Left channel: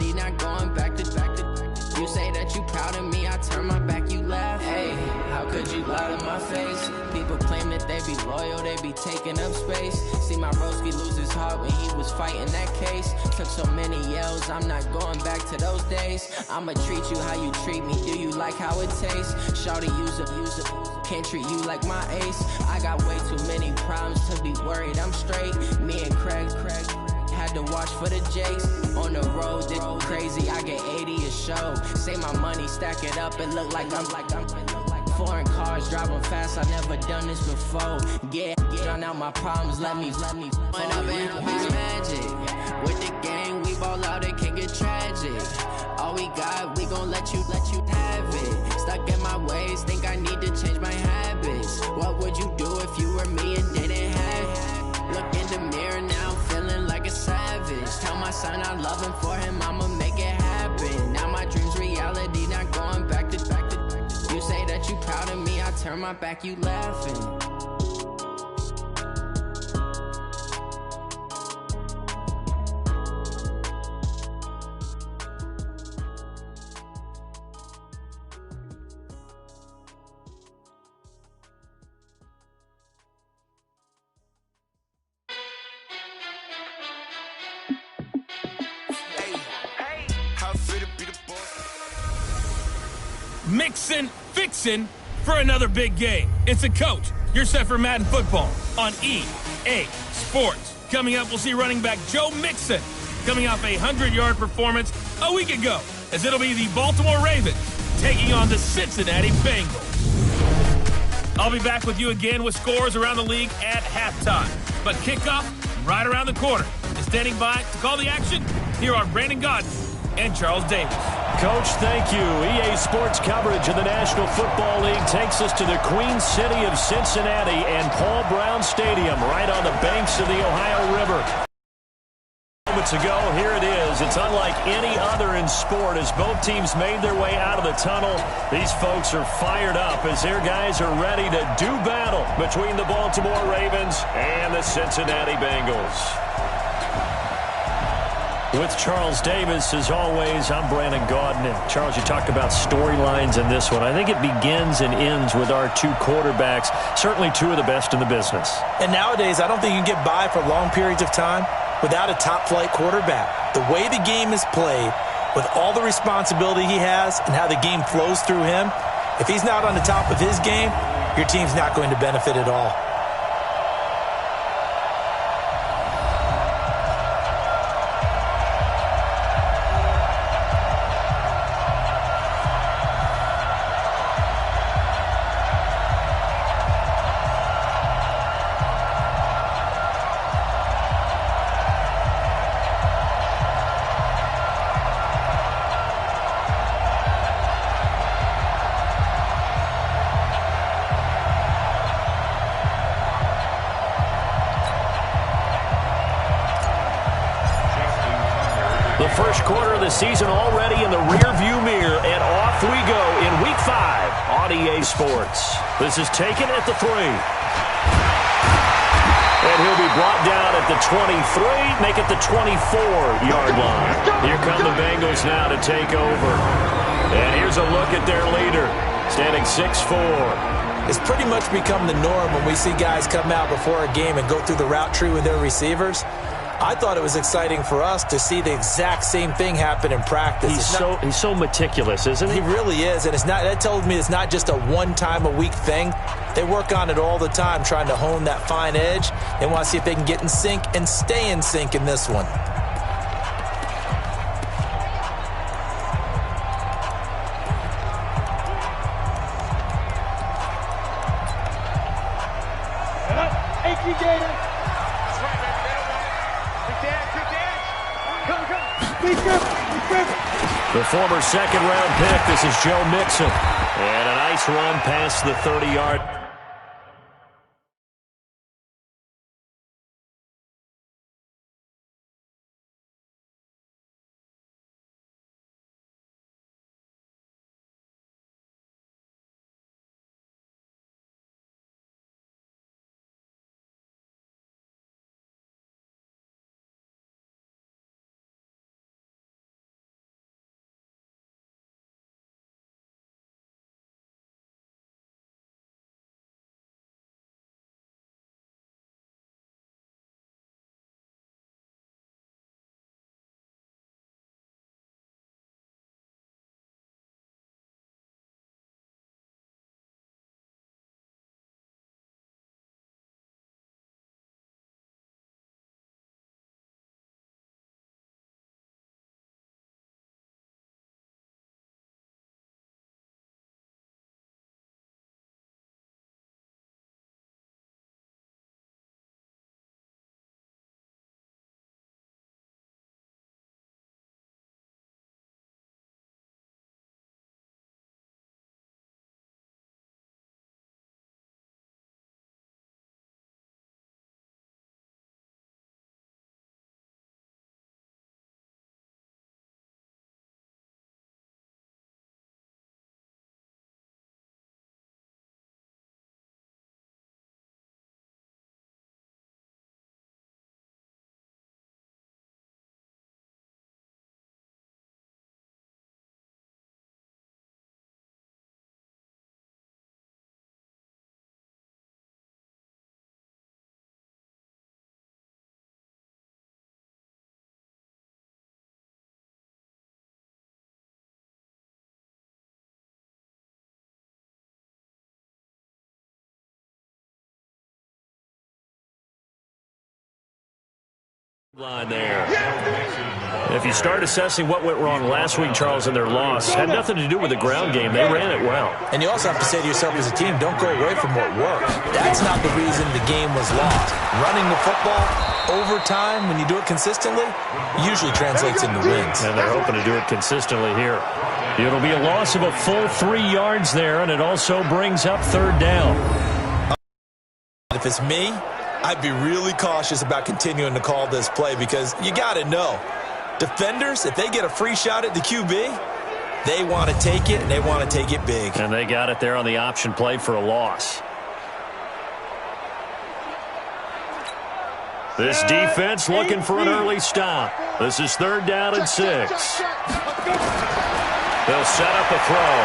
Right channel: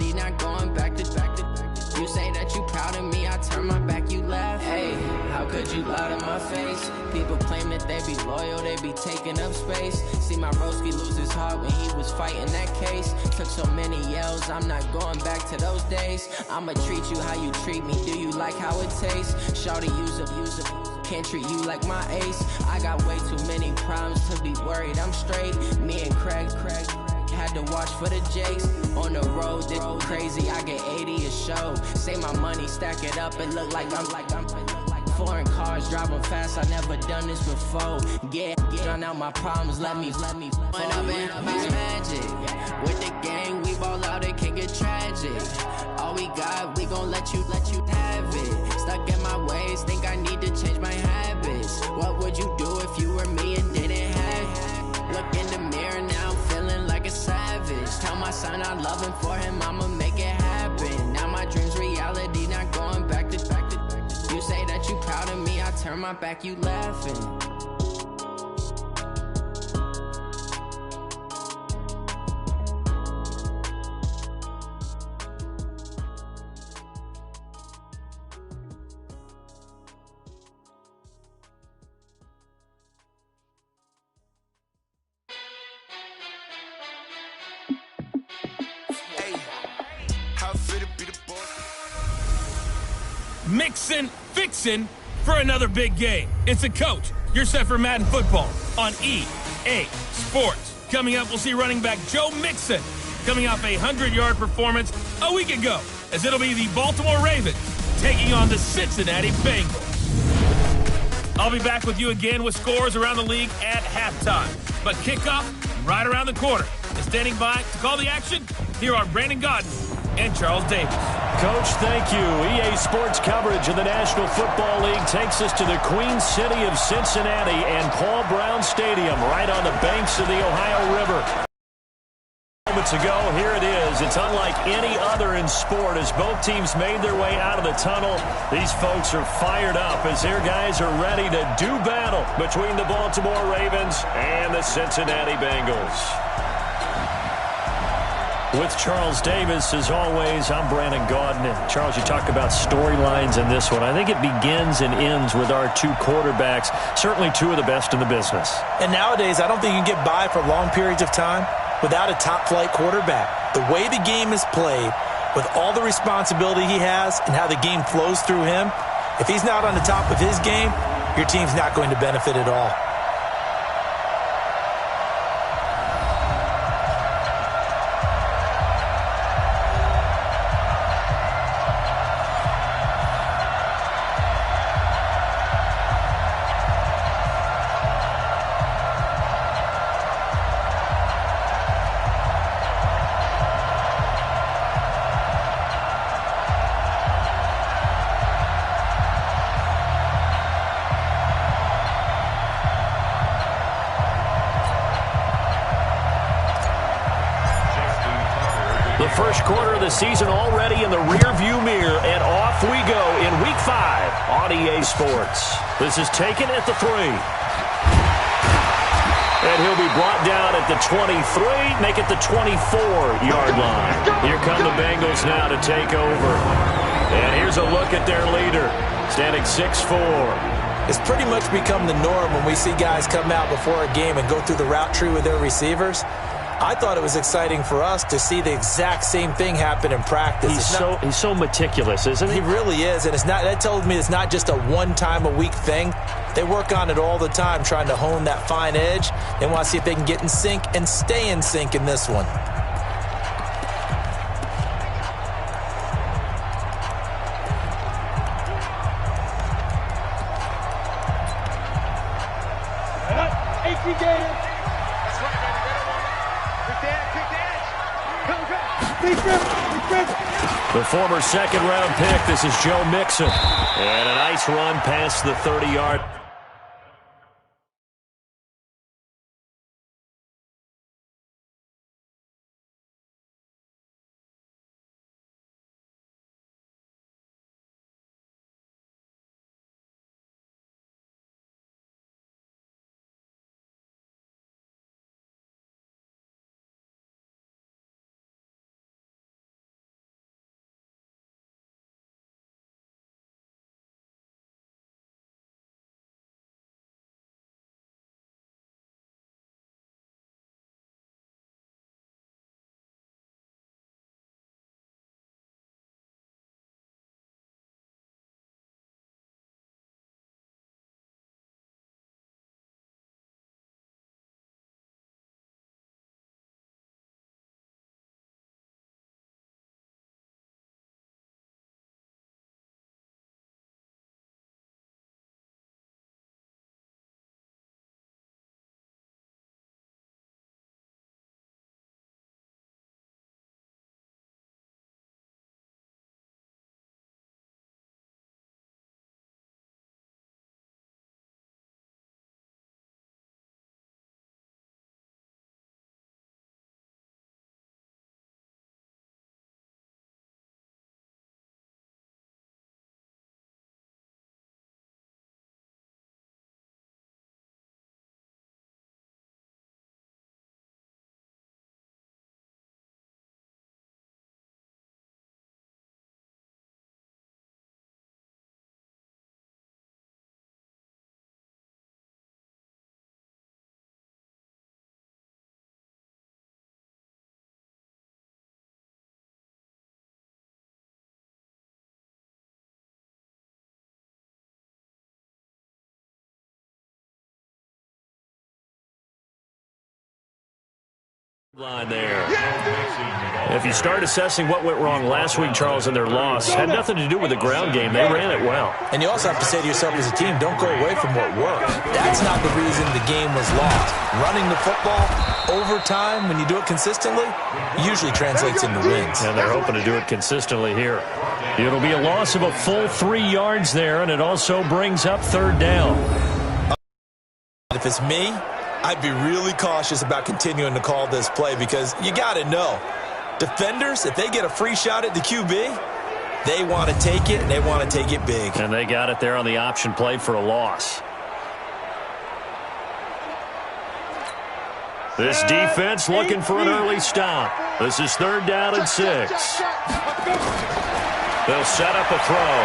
reality, not going back to. You say that you proud of me, I turn my back, you laugh. Hey, how could you lie to my face? People claim that they be loyal, they be taking up space. See my broski lose his heart when he was fighting that case. Took so many yells, I'm not going back to those days. I'ma treat you how you treat me, do you like how it tastes? Shawty, use up, can't treat you like my ace. I got way too many problems to be worried, I'm straight. Me and Craig had to watch for the Jakes. On the road, this crazy, I get 80 a show. Say my money, stack it up, it look like I'm foreign cars, driving fast, I never done this before. Get drown out my problems, let me When up and up is magic. With the game, we ball out, it can get tragic. All we got, we gon' let you have it. Stuck in my ways, think I need to change my habits. What would you do if you were me and didn't have it? Look in the mirror now, I'm feeling like a savage. Tell my son I love him, for him I'ma make it happen. Now my dream's reality, not going back to. You say that you proud of me, I turn my back, you laughing. Mixin', fixin' for another big game. It's a coach. You're set for Madden football on EA Sports. Coming up, we'll see running back Joe Mixon coming off a 100-yard performance a week ago, as it'll be the Baltimore Ravens taking on the Cincinnati Bengals. I'll be back with you again with scores around the league at halftime. But kickoff right around the corner. And standing by to call the action, here are Brandon Godden and Charles Davis. Coach, thank you. EA Sports coverage of the National Football League takes us to the Queen City of Cincinnati and Paul Brown Stadium, right on the banks of the Ohio River. Moments ago, here it is. It's unlike any other in sport as both teams made their way out of the tunnel. These folks are fired up as their guys are ready to do battle between the Baltimore Ravens and the Cincinnati Bengals. With Charles Davis, as always, I'm Brandon Gaudin. And Charles, you talk about storylines in this one. I think it begins and ends with our two quarterbacks, certainly two of the best in the business. And nowadays, I don't think you can get by for long periods of time without a top-flight quarterback. The way the game is played, with all the responsibility he has and how the game flows through him, if he's not on the top of his game, your team's not going to benefit at all. The first quarter of the season already in the rear-view mirror, and off we go in Week 5 on EA Sports. This is taken at the 3. And he'll be brought down at the 23, make it the 24-yard line. Here come the Bengals now to take over. And here's a look at their leader, standing 6'4". It's pretty much become the norm when we see guys come out before a game and go through the route tree with their receivers. I thought it was exciting for us to see the exact same thing happen in practice. He's so meticulous, isn't he? He really is, and that tells me it's not just a one-time-a-week thing. They work on it all the time, trying to hone that fine edge. They want to see if they can get in sync and stay in sync in this one. The former second-round pick, this is Joe Mixon. And a nice run past the 30-yard Line there. If you start assessing what went wrong last week, Charles, in their loss, had nothing to do with the ground game. They ran it well. And you also have to say to yourself as a team, don't go away from what worked. That's not the reason the game was lost. Running the football over time, when you do it consistently, usually translates into wins. And they're hoping to do it consistently here. It'll be a loss of a full 3 yards there, and it also brings up third down. If it's me, I'd be really cautious about continuing to call this play because you got to know, defenders, if they get a free shot at the QB, they want to take it, and they want to take it big. And they got it there on the option play for a loss. This defense looking for an early stop. This is 3rd down and 6. They'll set up a throw.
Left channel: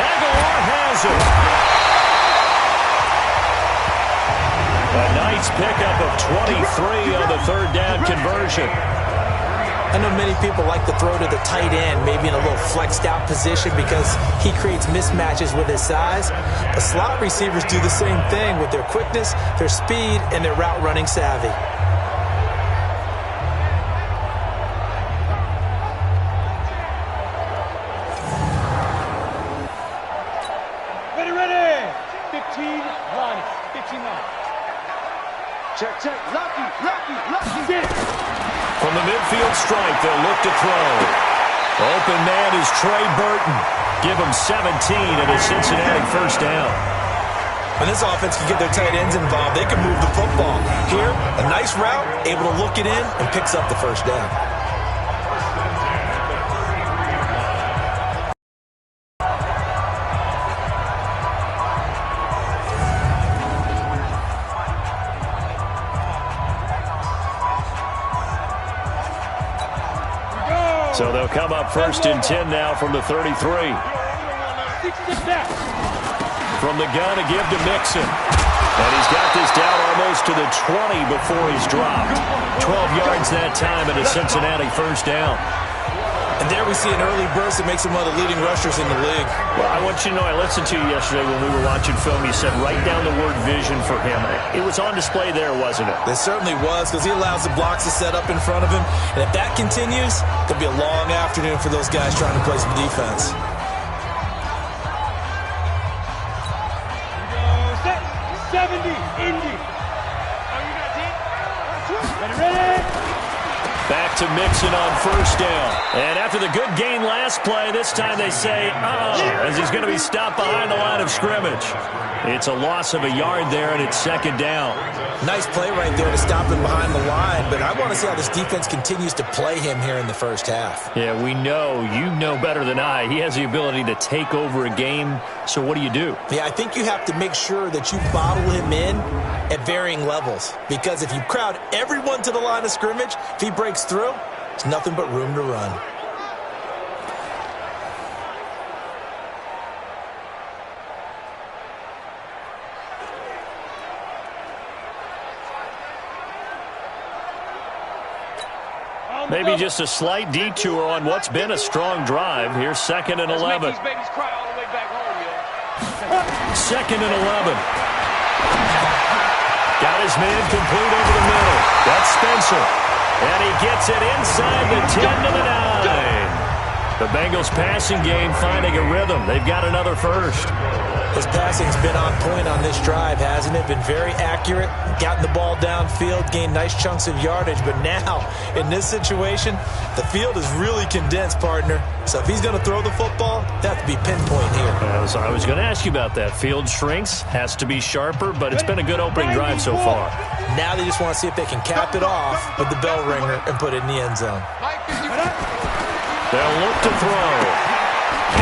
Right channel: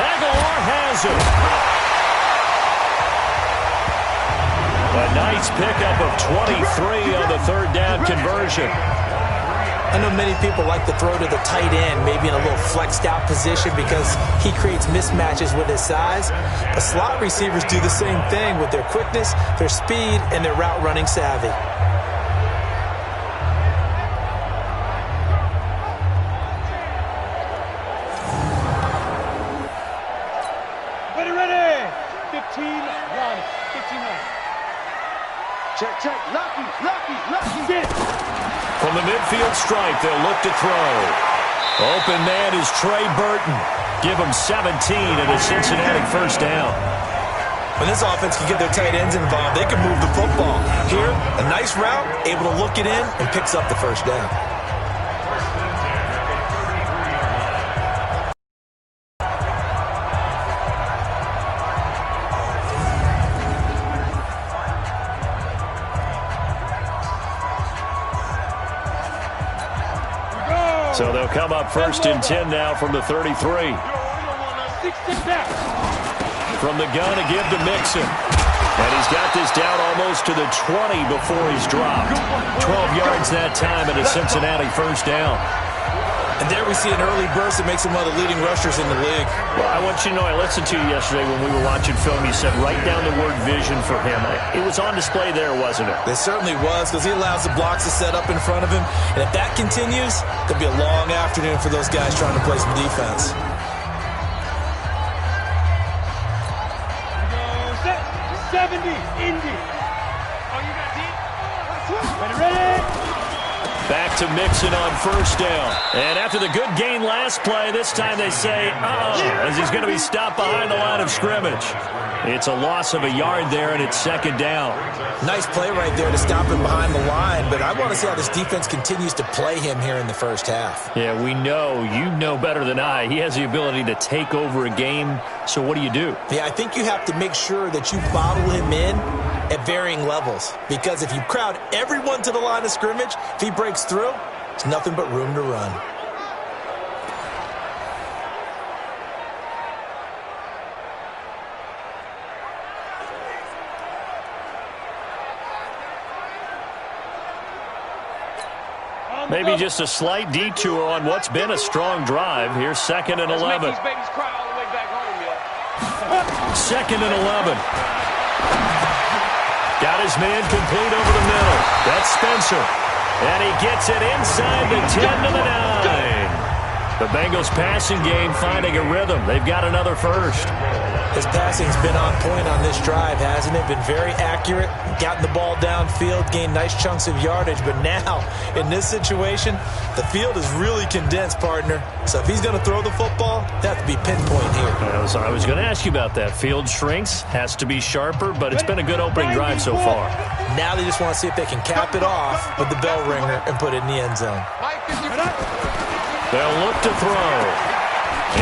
Aguilar has it. A nice pickup of 23 on the 3rd down conversion. I know many people like to throw to the tight end, maybe in a little flexed out position because he creates mismatches with his size. But slot receivers do the same thing with their quickness, their speed, and their route running savvy. Ready. 15 runs. 15 runs. Check. Lucky. Get it. From the midfield stripe, they'll look to throw. Open man is Trey Burton. Give him 17 and a Cincinnati first down. When this offense can get their tight ends involved, they can move the football. Here, a nice route, able to look it in, and picks up the first down. So they'll come up 1st and 10 now from the 33. From the gun, a give to Mixon. And he's got this down almost to the 20 before he's dropped. 12 yards that time and a Cincinnati first down. And there we see an early burst that makes him one of the leading rushers in the league. Well, I want you to know, I listened to you yesterday when we were watching film. You said write down the word vision for him. It was on display there, wasn't it? It certainly was, because he allows the blocks to set up in front of him. And if that continues, it'll be a long afternoon for those guys trying to play some defense. Here we go. Set. 70. Indy. Oh, you got deep? Ready. Back to Mixon on first down. And after the good gain last play, this time they say, as he's going to be stopped behind the line of scrimmage. It's a loss of a yard there, and it's 2nd down. Nice play right there to stop him behind the line, but I want to see how this defense continues to play him here in the first half. Yeah, we know. You know better than I. He has the ability to take over a game, so what do you do? Yeah, I think you have to make sure that you bottle him in at varying levels, because if you crowd everyone to the line of scrimmage, if he breaks through, it's nothing but room to run. Maybe just a slight detour on what's been a strong drive. Here's 2nd and 11. These babies cry all the way back home, yo. 2nd and 11. Got his man complete over the middle. That's Spencer. And he gets it inside the 10 to the 9. The Bengals passing game finding a rhythm. They've got another first. His passing's been on point on this drive, hasn't it? Been very accurate, gotten the ball downfield, gained nice chunks of yardage. But now, in this situation, the field is really condensed, partner. So if he's going to throw the football, that have to be pinpoint here. I was going to ask you about that. Field shrinks, has to be sharper, but it's been a good opening drive so far. Now they just want to see if they can cap it off with the bell ringer and put it in the end zone. They'll look to throw.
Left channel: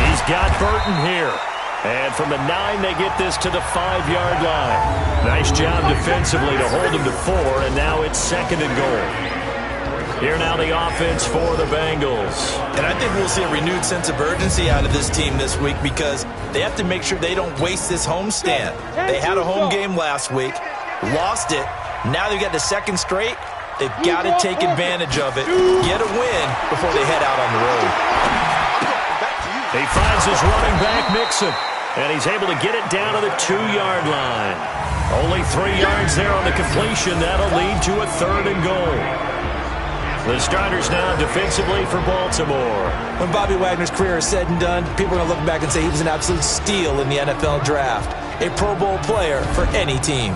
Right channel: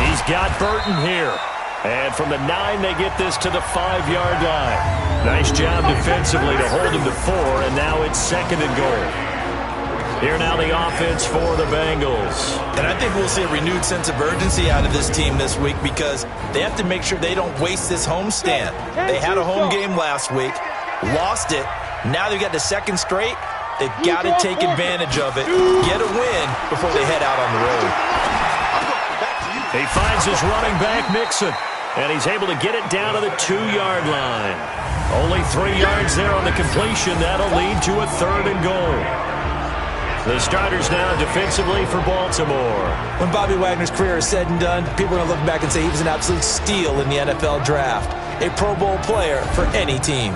He's got Burton here. And from the 9, they get this to the 5-yard line. Nice job defensively to hold him to 4, and now it's 2nd and goal. Here now the offense for the Bengals. And I think we'll see a renewed sense of urgency out of this team this week because they have to make sure they don't waste this homestand. They had a home game last week, lost it. Now they've got the 2nd straight. They've got to take advantage of it, get a win before they head out on the road. He finds his running back, Mixon, and he's able to get it down to the 2-yard line. Only 3 yards there on the completion. That'll lead to a 3rd and goal. The starters now defensively for Baltimore. When Bobby Wagner's career is said and done, people are going to look back and say he was an absolute steal in the NFL draft. A Pro Bowl player for any team.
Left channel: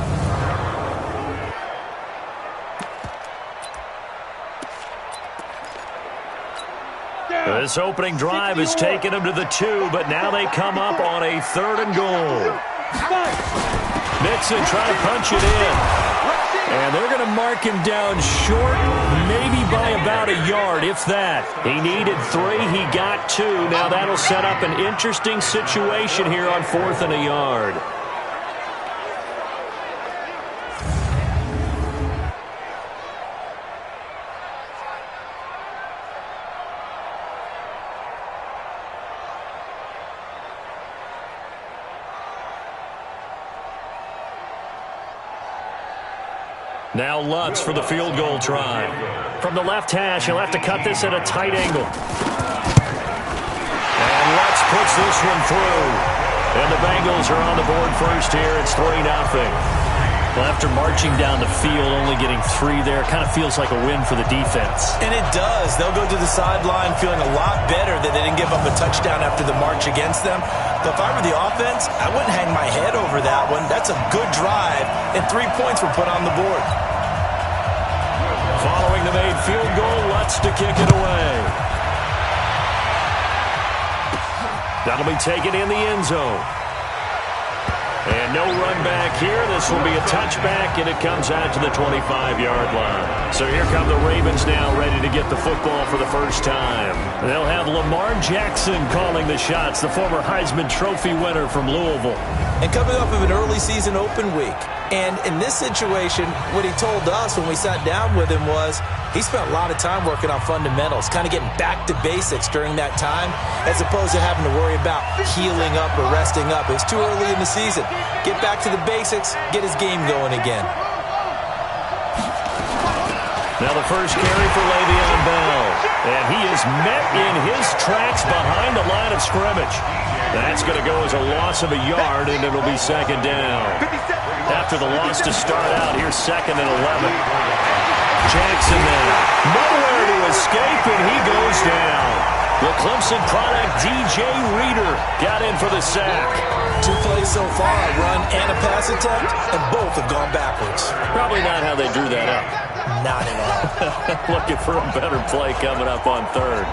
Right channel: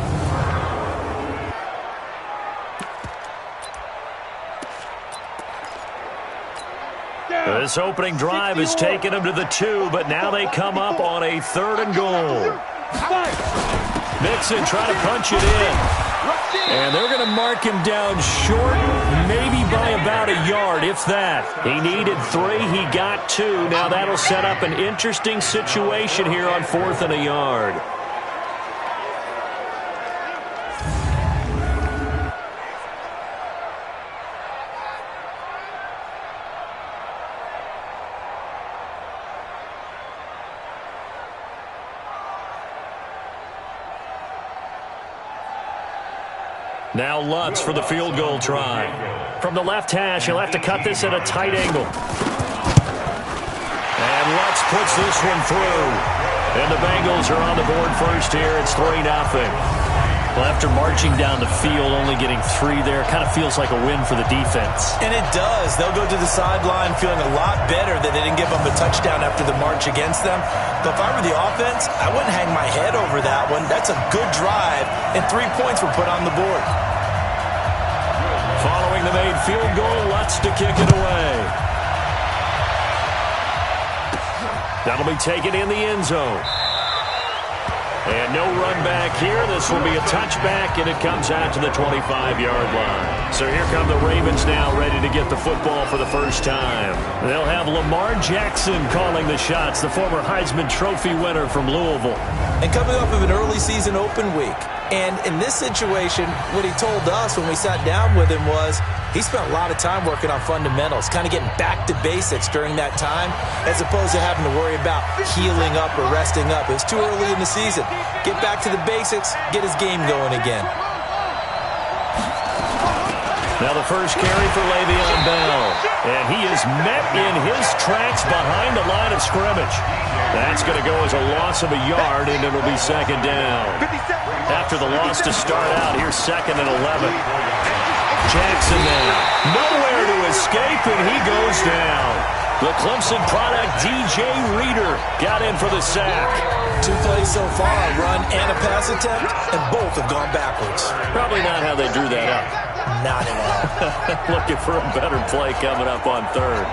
This opening drive has taken them to the 2, but now they come up on a 3rd and goal. Mixon trying to punch it in. And they're going to mark him down short, maybe by about a yard, if that. He needed 3, he got 2. Now that'll set up an interesting situation here on 4th and a yard. Now Lutz for the field goal try. From the left hash, he'll have to cut this at a tight angle. And Lutz puts this one through. And the Bengals are on the board first here. It's 3-0. Well, after marching down the field, only getting 3 there, kind of feels like a win for the defense. And it does. They'll go to the sideline feeling a lot better that they didn't give up a touchdown after the march against them. But if I were the offense, I wouldn't hang my head over that one. That's a good drive, and 3 points were put on the board. Following the made field goal, Lutz to kick it away. That'll be taken in the end zone. And no run back here. This will be a touchback, and it comes out to the 25-yard line. So here come the Ravens now, ready to get the football for the first time. They'll have Lamar Jackson calling the shots, the former Heisman Trophy winner from Louisville. And coming off of an early season open week. And in this situation, what he told us when we sat down with him was he spent a lot of time working on fundamentals, kind of getting back to basics during that time, as opposed to having to worry about healing up or resting up. It's too early in the season. Get back to the basics, get his game going again. Now the first carry for Le'Veon Bell. And he is met in his tracks behind the line of scrimmage. That's going to go as a loss of a yard, and it'll be 2nd down. After the loss to start out, here's 2nd and 11. Jackson now. Nowhere to escape, and he goes down. The Clemson product, DJ Reader, got in for the sack. 2 plays so far, a run and a pass attempt, and both have gone backwards. Probably not how they drew that up. Not at all. Looking for a better play coming up on 3rd.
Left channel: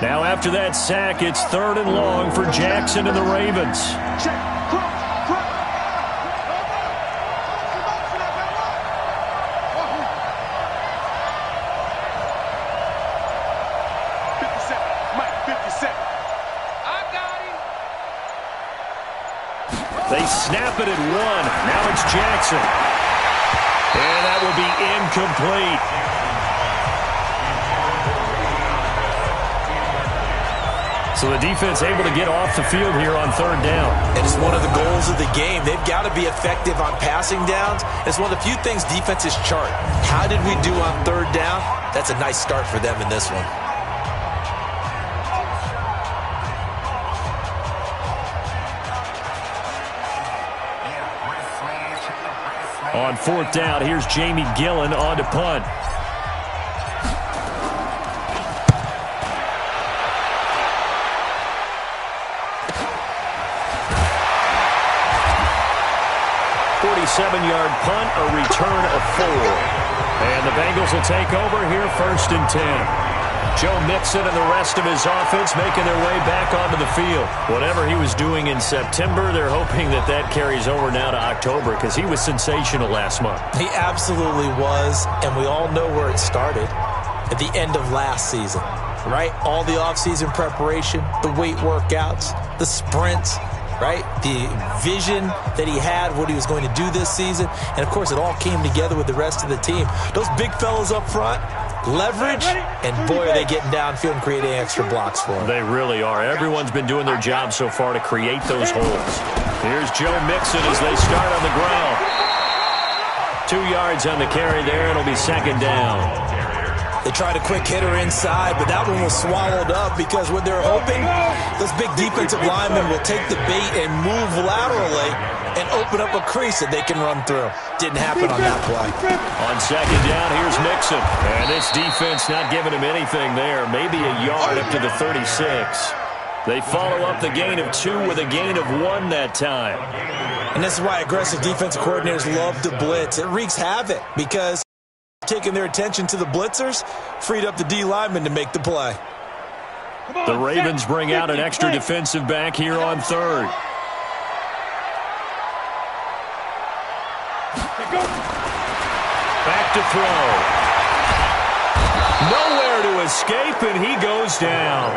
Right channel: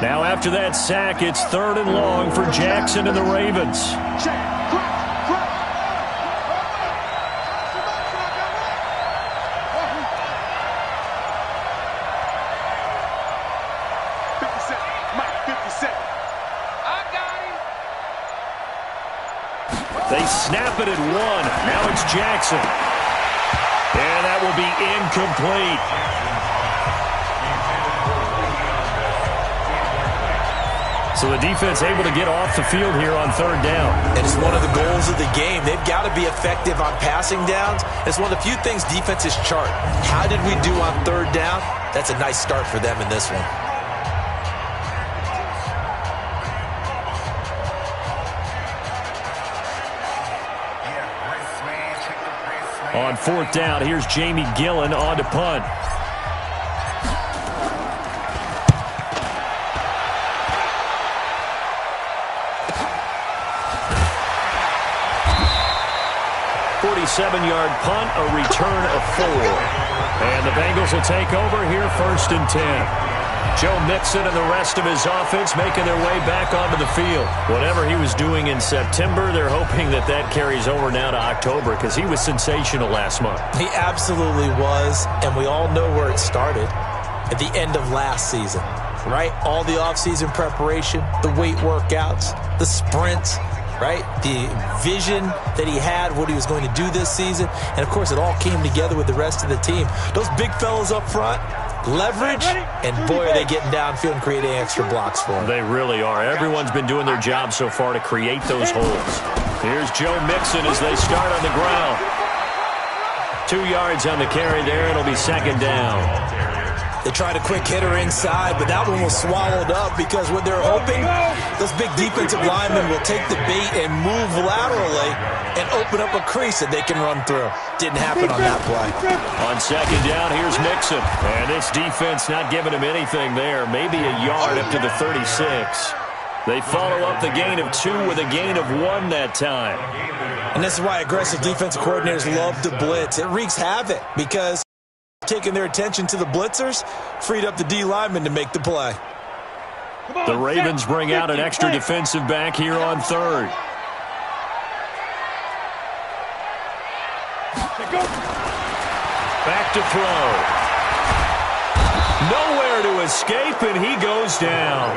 Now after that sack, it's 3rd and long for Jackson and the Ravens. They snap it at 1. Now it's Jackson. And that will be incomplete. So the defense able to get off the field here on 3rd down. And it's one of the goals of the game. They've got to be effective on passing downs. It's one of the few things defenses chart. How did we do on 3rd down? That's a nice start for them in this one. On 4th down, here's Jamie Gillen on to punt. Seven-yard punt, a return of 4. And the Bengals will take over here 1st and 10. Joe Mixon and the rest of his offense making their way back onto the field. Whatever he was doing in September, they're hoping that that carries over now to October because he was sensational last month. He absolutely was, and we all know where it started at the end of last season, right? All the offseason preparation, the weight workouts, the sprints, right? The vision that he had, what he was going to do this season. And, of course, it all came together with the rest of the team. Those big fellas up front, leverage, and, boy, are they getting downfield and creating extra blocks for him. They really are. Everyone's been doing their job so far to create those holes. Here's Joe Mixon as they start on the ground. 2 yards on the carry there. It'll be 2nd down. They tried a quick hitter inside, but that one was swallowed up because what they're hoping, those big defensive linemen will take the bait and move laterally and open up a crease that they can run through. Didn't happen on that play. On second down, here's Mixon. And this defense not giving him anything there. Maybe a yard up to the 36. They follow up the gain of 2 with a gain of 1 that time. And this is why aggressive defensive coordinators love to blitz. It wreaks havoc because taking their attention to the blitzers freed up the D lineman to make the play. The Ravens bring out an extra defensive back here on third. Back to throw. Nowhere to escape, and he goes down.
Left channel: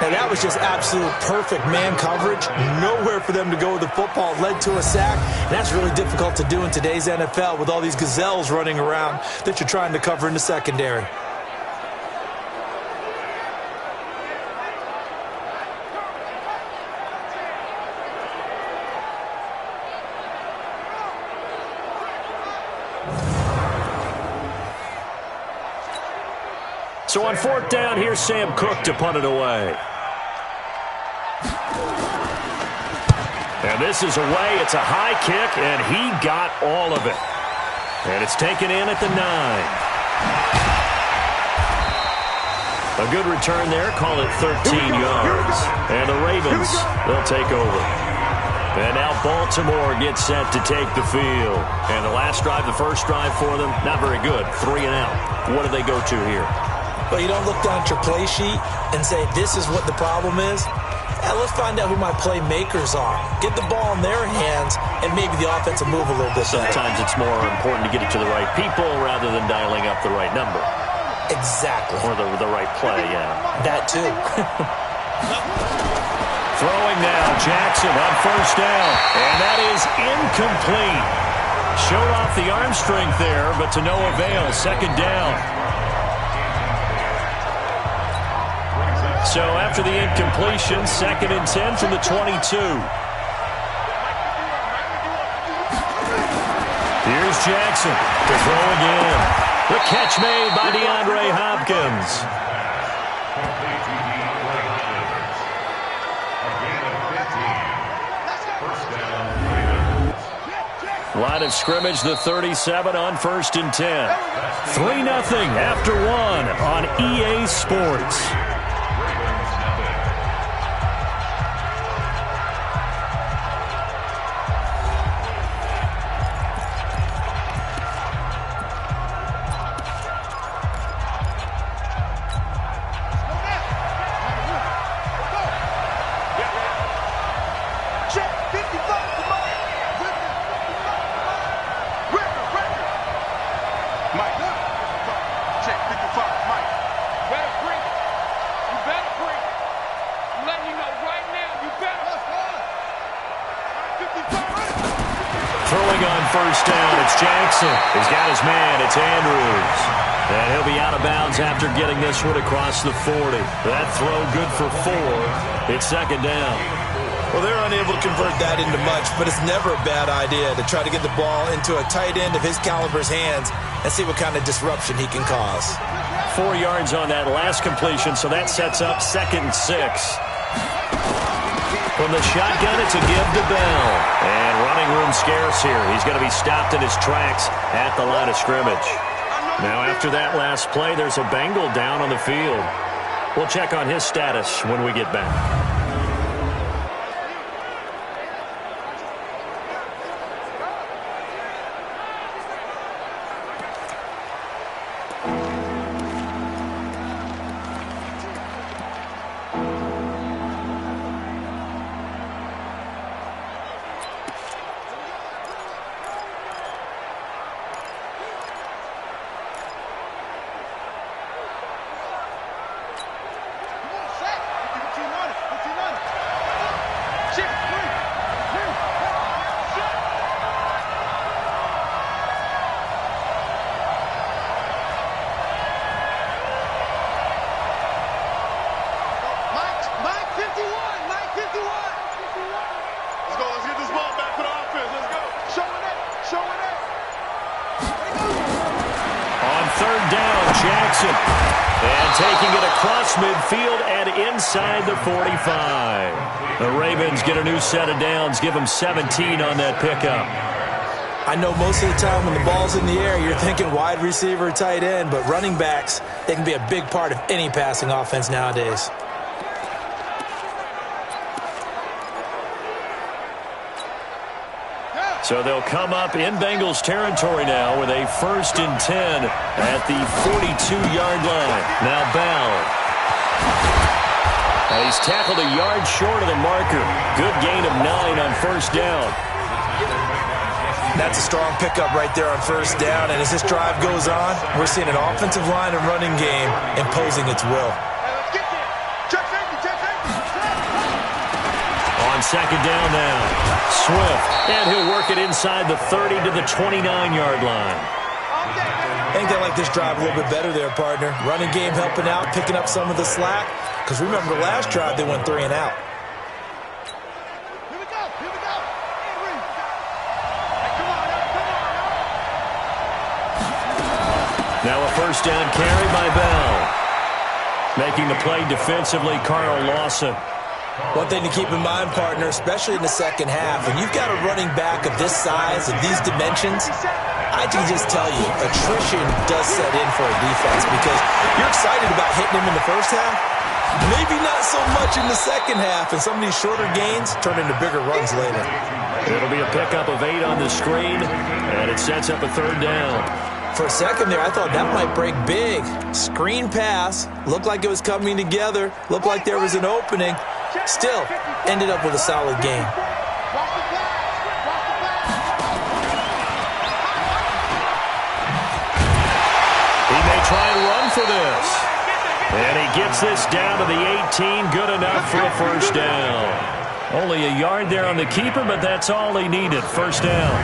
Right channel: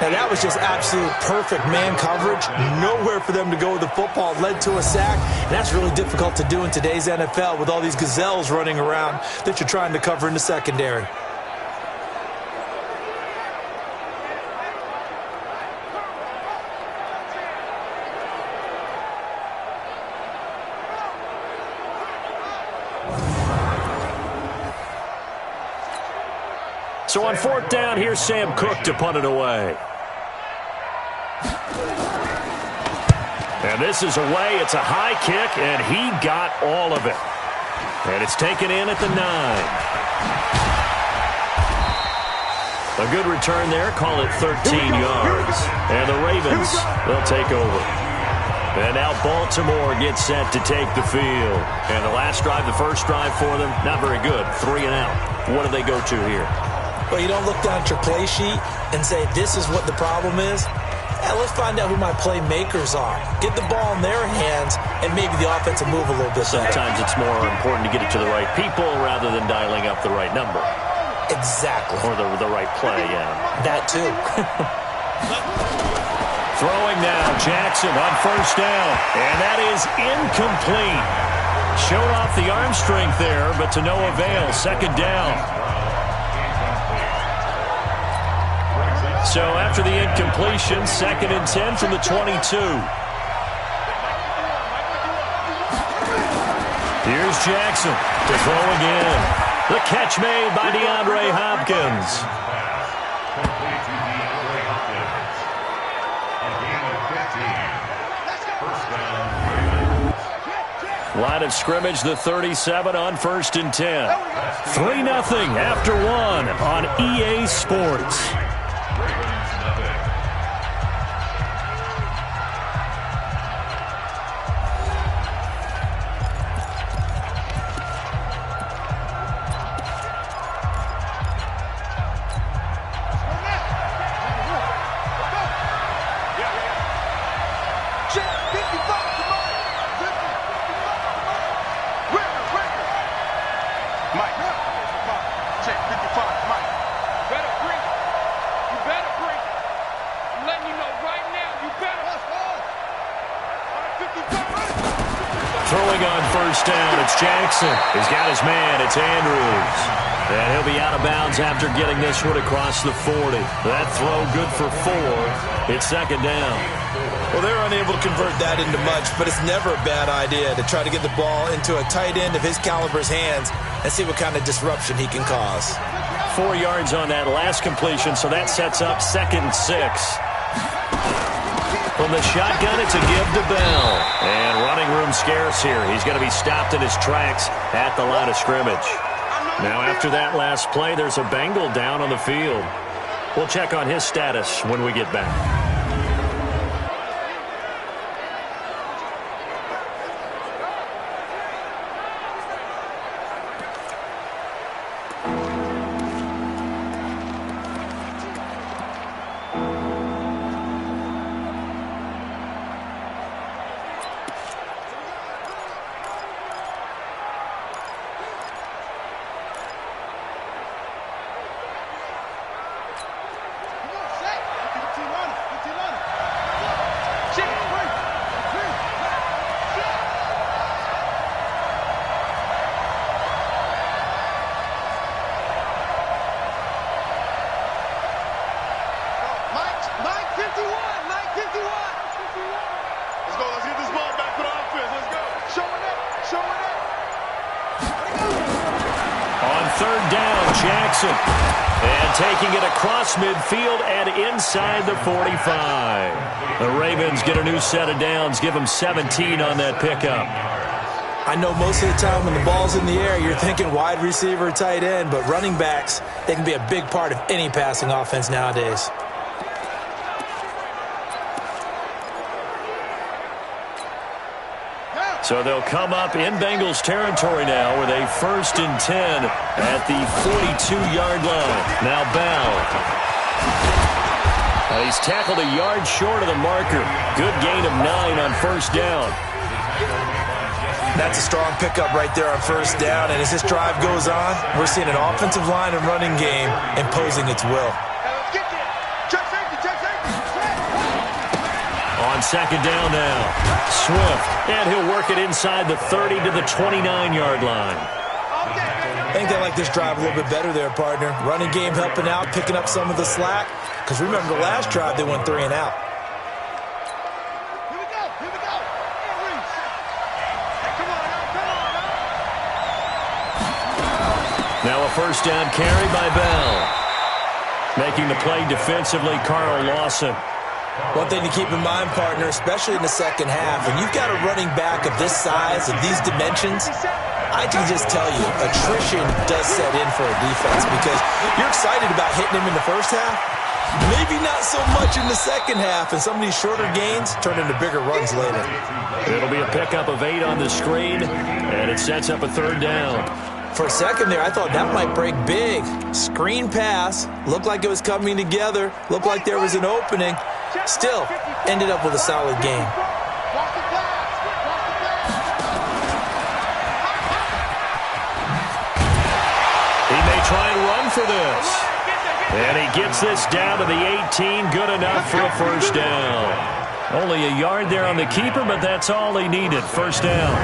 Now that was just absolute perfect man coverage. Nowhere for them to go with the football. Led to a sack. And that's really difficult to do in today's NFL with all these gazelles running around that you're trying to cover in the secondary. So on fourth down, here's Sam Cook to punt it away. And this is away. It's a high kick, and he got all of it. And it's taken in at the 9. A good return there. Call it 13 yards. And the Ravens, they'll take over. And now Baltimore gets set to take the field. And the last drive, the first drive for them, not very good. 3 and out. What do they go to here? Well, you don't look down at your play sheet and say, this is what the problem is. Let's find out who my playmakers are. Get the ball in their hands, and maybe the offense will move a little bit better. Sometimes it's more important to get it to the right people rather than dialing up the right number. Exactly. Or the right play, yeah. That too. Throwing now, Jackson on first down. And that is incomplete. Showed off the arm strength there, but to no avail. Second down. So after the incompletion, 2nd and 10 from the 22. Here's Jackson to throw again. The catch made by DeAndre Hopkins. Line of scrimmage, the 37 on 1st and 10. 3-0 after 1 on EA Sports. Throwing on first down, it's Jackson. He's got his man, it's Andrews. And he'll be out of bounds after getting this one across the 40. That throw good for 4. It's 2nd down. Well, they're unable to convert that into much, but it's never a bad idea to try to get the ball into a tight end of his caliber's hands and see what kind of disruption he can cause. 4 yards on that last completion, so that sets up 2nd and 6. From the shotgun, it's a give to Bell. And running room scarce here. He's going to be stopped in his tracks at the line of scrimmage. Now, after that last play, there's a Bengal down on the field. We'll check on his status when we get back. Let's go. Let's get this ball back for the offense. Let's go. Showing it. On third down, Jackson. And taking it across midfield and inside the 45. The Ravens get a new set of downs, give them 17 on that pickup. I know most of the time when the ball's in the air, you're thinking wide receiver, tight end, but running backs, they can be a big part of any passing offense nowadays. So they'll come up in Bengals territory now with a 1st and 10 at the 42-yard line. Now Bell. And he's tackled a yard short of the marker. Good gain of 9 on first down. That's a strong pickup right there on first down, and as this drive goes on, we're seeing an offensive line and running game imposing its will. On second down now, Swift, and he'll work it inside the 30 to the 29-yard line. I think they like this drive a little bit better there, partner. Running game helping out, picking up some of the slack, because remember the last drive they went 3 and out. Here we go. And Reese. Hey, come on now. Now a first down carry by Bell. Making the play defensively, Carl Lawson. One thing to keep in mind, partner, especially in the second half, when you've got a running back of this size, of these dimensions, I can just tell you, attrition does set in for a defense because you're excited about hitting him in the first half, maybe not so much in the second half, and some of these shorter gains turn into bigger runs later. It'll be a pickup of 8 on the screen, and it sets up a third down. For a second there, I thought that might break big. Screen pass, looked like it was coming together, looked like there was an opening. Still, ended up with a solid game. He may try and run for this. And he gets this down to the 18, good enough for a first down. Only a yard there on the keeper, but that's all he needed, first down.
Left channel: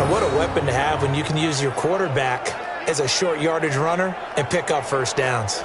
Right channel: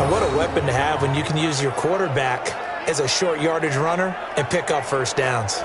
And what a weapon to have when you can use your quarterback as a short yardage runner and pick up first downs.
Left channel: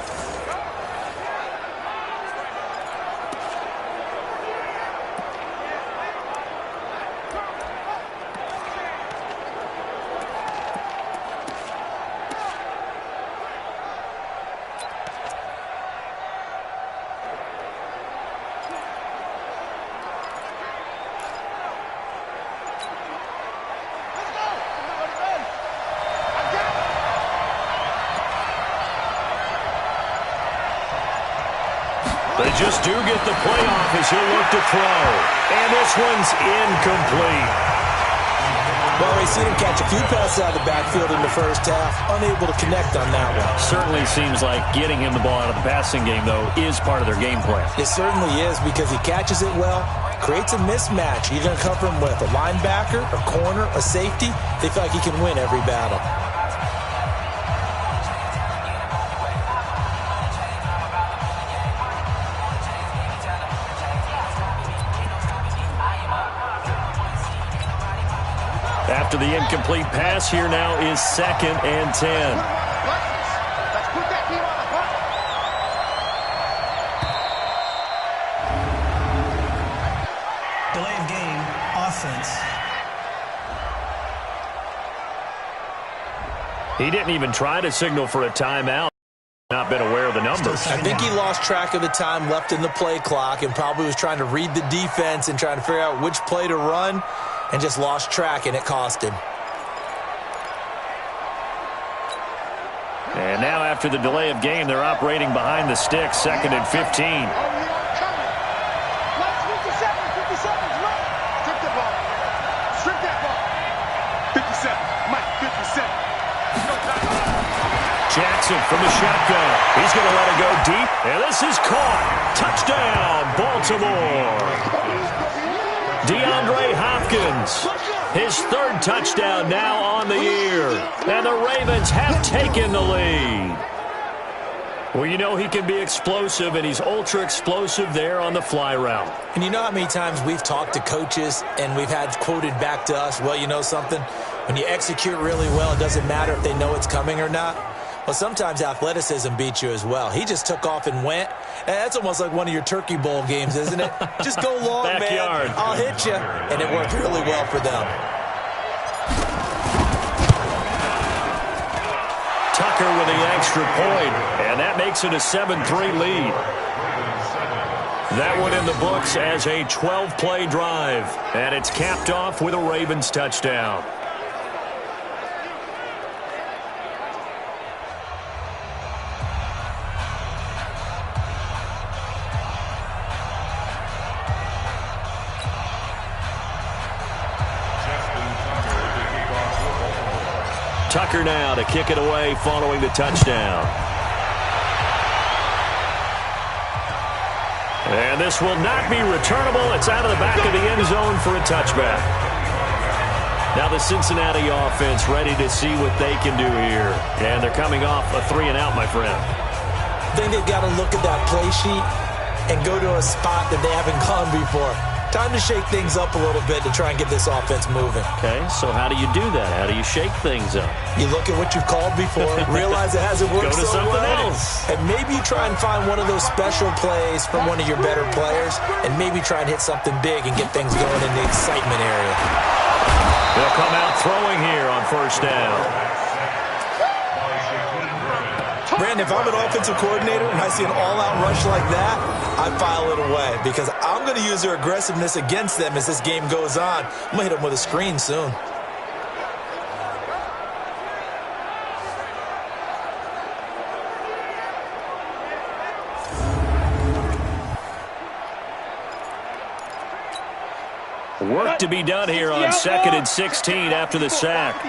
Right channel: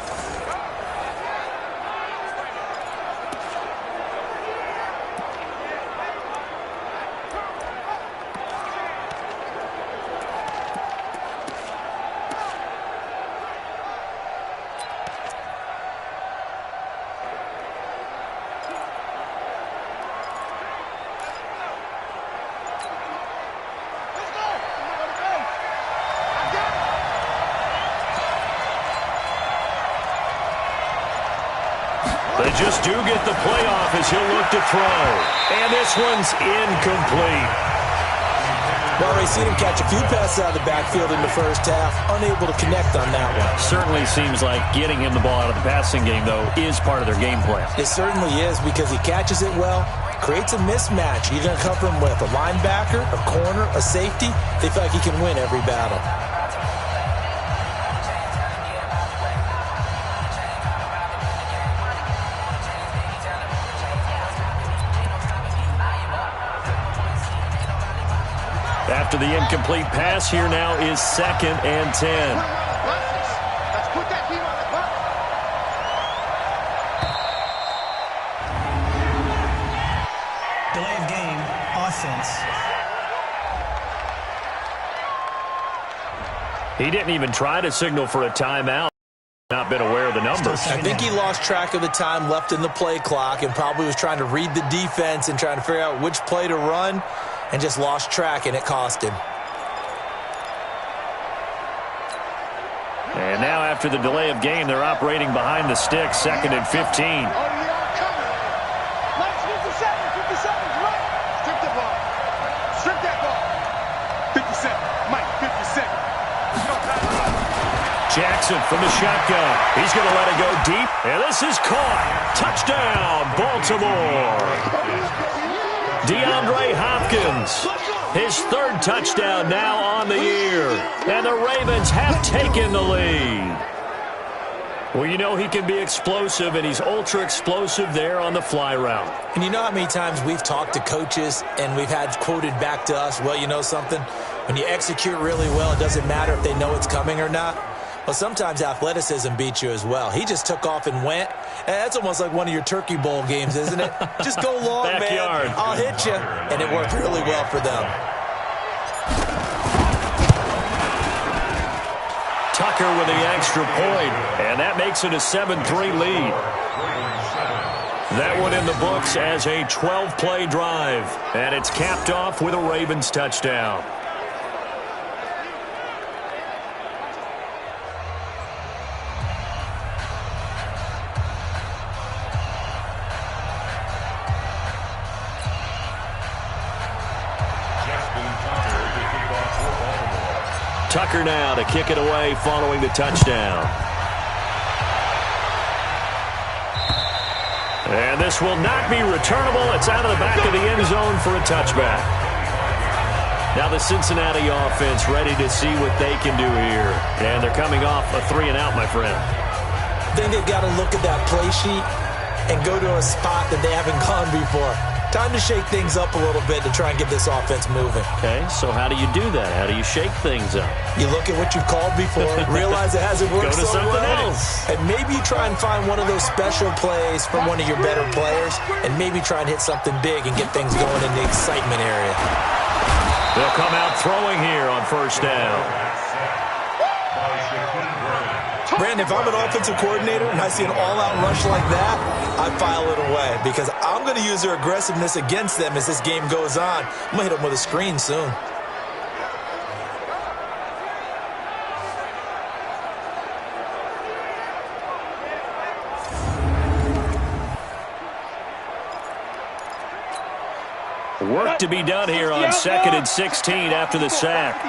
They just do get the playoff as he'll look to throw. And this one's incomplete. Well, Ray, seen him catch a few passes out of the backfield in the first half, unable to connect on that one. Certainly seems like getting him the ball out of the passing game, though, is part of their game plan. It certainly is because he catches it well, creates a mismatch. You're going to cover him with a linebacker, a corner, a safety. They feel like he can win every battle. After the incomplete pass, here now is 2nd and 10. Let's put that team on the bus. Delay of game, offense. He didn't even try to signal for a timeout. Not been aware of the numbers. I think he lost track of the time left in the play clock and probably was trying to read the defense and trying to figure out which play to run and just lost track, and it cost him. And now after the delay of game, they're operating behind the sticks, 2nd and 15. Oh, we are coming. Let's 57, right? Strip the ball. Strip that ball. 57, Mike, 57. Jackson from the shotgun. He's going to let it go deep, and this is caught. Touchdown, Baltimore. DeAndre Hopkins, his 3rd touchdown now on the year. And the Ravens have taken the lead. Well, you know he can be explosive, and he's ultra-explosive there on the fly route. And you know how many times we've talked to coaches and we've had quoted back to us, well, you know something? When you execute really well, it doesn't matter if they know it's coming or not. Well, sometimes athleticism beats you as well. He just took off and went. And that's almost like one of your Turkey Bowl games, isn't it? Just go long, Backyard. man. I'll hit you. And it worked really well for them. Tucker with the extra point, and that makes it a 7-3 lead. That one in the books as a 12-play drive, and it's capped off with a Ravens touchdown. Tucker now to kick it away following the touchdown. And this will not be returnable. It's out of the back of the end zone for a touchback. Now the Cincinnati offense ready to see what they can do here. And they're coming off a 3-and-out, my friend. I think they've got to look at that play sheet and go to a spot that they haven't gone before. Time to shake things up a little bit to try and get this offense moving. Okay, so how do you do that? How do you shake things up? You look at what you've called before, realize it hasn't worked Go to so something well, else. and maybe you try and find one of those special plays from one of your better players, and maybe try and hit something big and get things going in the excitement area. They'll come out throwing here on first down. Brandon, if I'm an offensive coordinator and I see an all-out rush like that, I file it away because I'm going to use their aggressiveness against them as this game goes on. I'm going to hit them with a screen soon. Work to be done here on 2nd and 16 after the sack.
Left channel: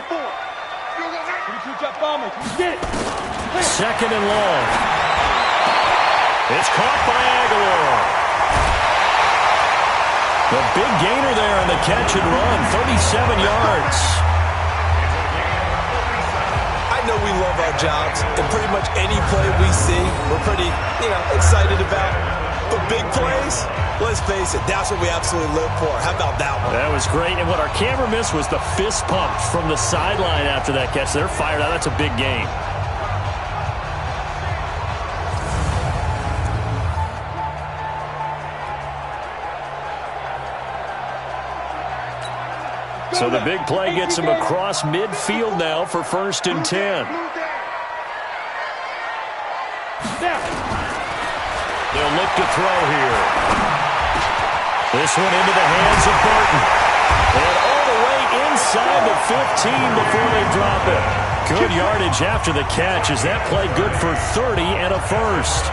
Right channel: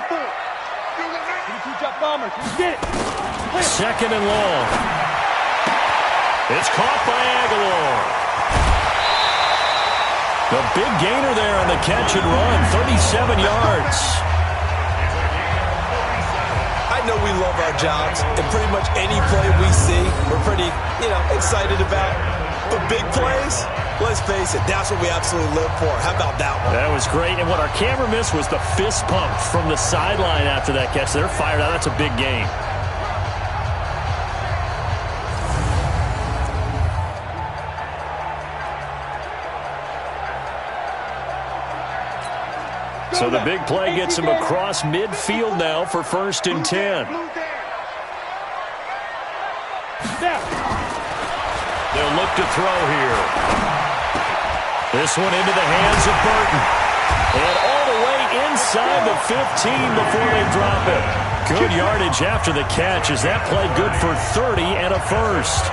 2nd and long. It's caught by Aguilar. The big gainer there on the catch and run, 37 yards. I know we love our jobs, and pretty much any play we see, we're pretty, excited about. But big plays, let's face it, that's what we absolutely live for. How about that one? That was great, and what our camera missed was the fist pump from the sideline after that catch. They're fired out. That's a big game. So the big play gets him across midfield now for 1st and 10. They'll look to throw here. This one into the hands of Burton. And all the way inside the 15 before they drop it. Good yardage after the catch. Is that play good for 30 and a first?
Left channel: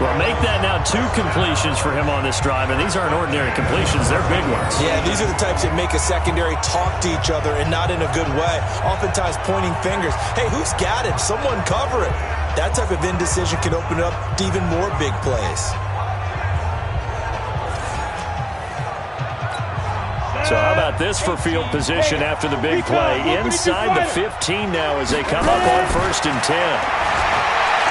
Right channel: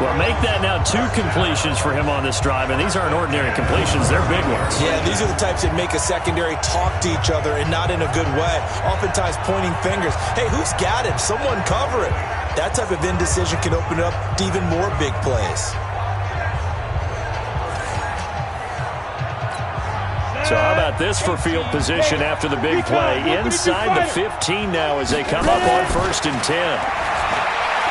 Well, make that now 2 completions for him on this drive, and these aren't ordinary completions. They're big ones. Yeah, these are the types that make a secondary talk to each other and not in a good way. Oftentimes pointing fingers. Hey, who's got him? Someone cover it. That type of indecision can open up to even more big plays. So how about this for field position after the big play? Inside the 15 now as they come up on 1st and 10.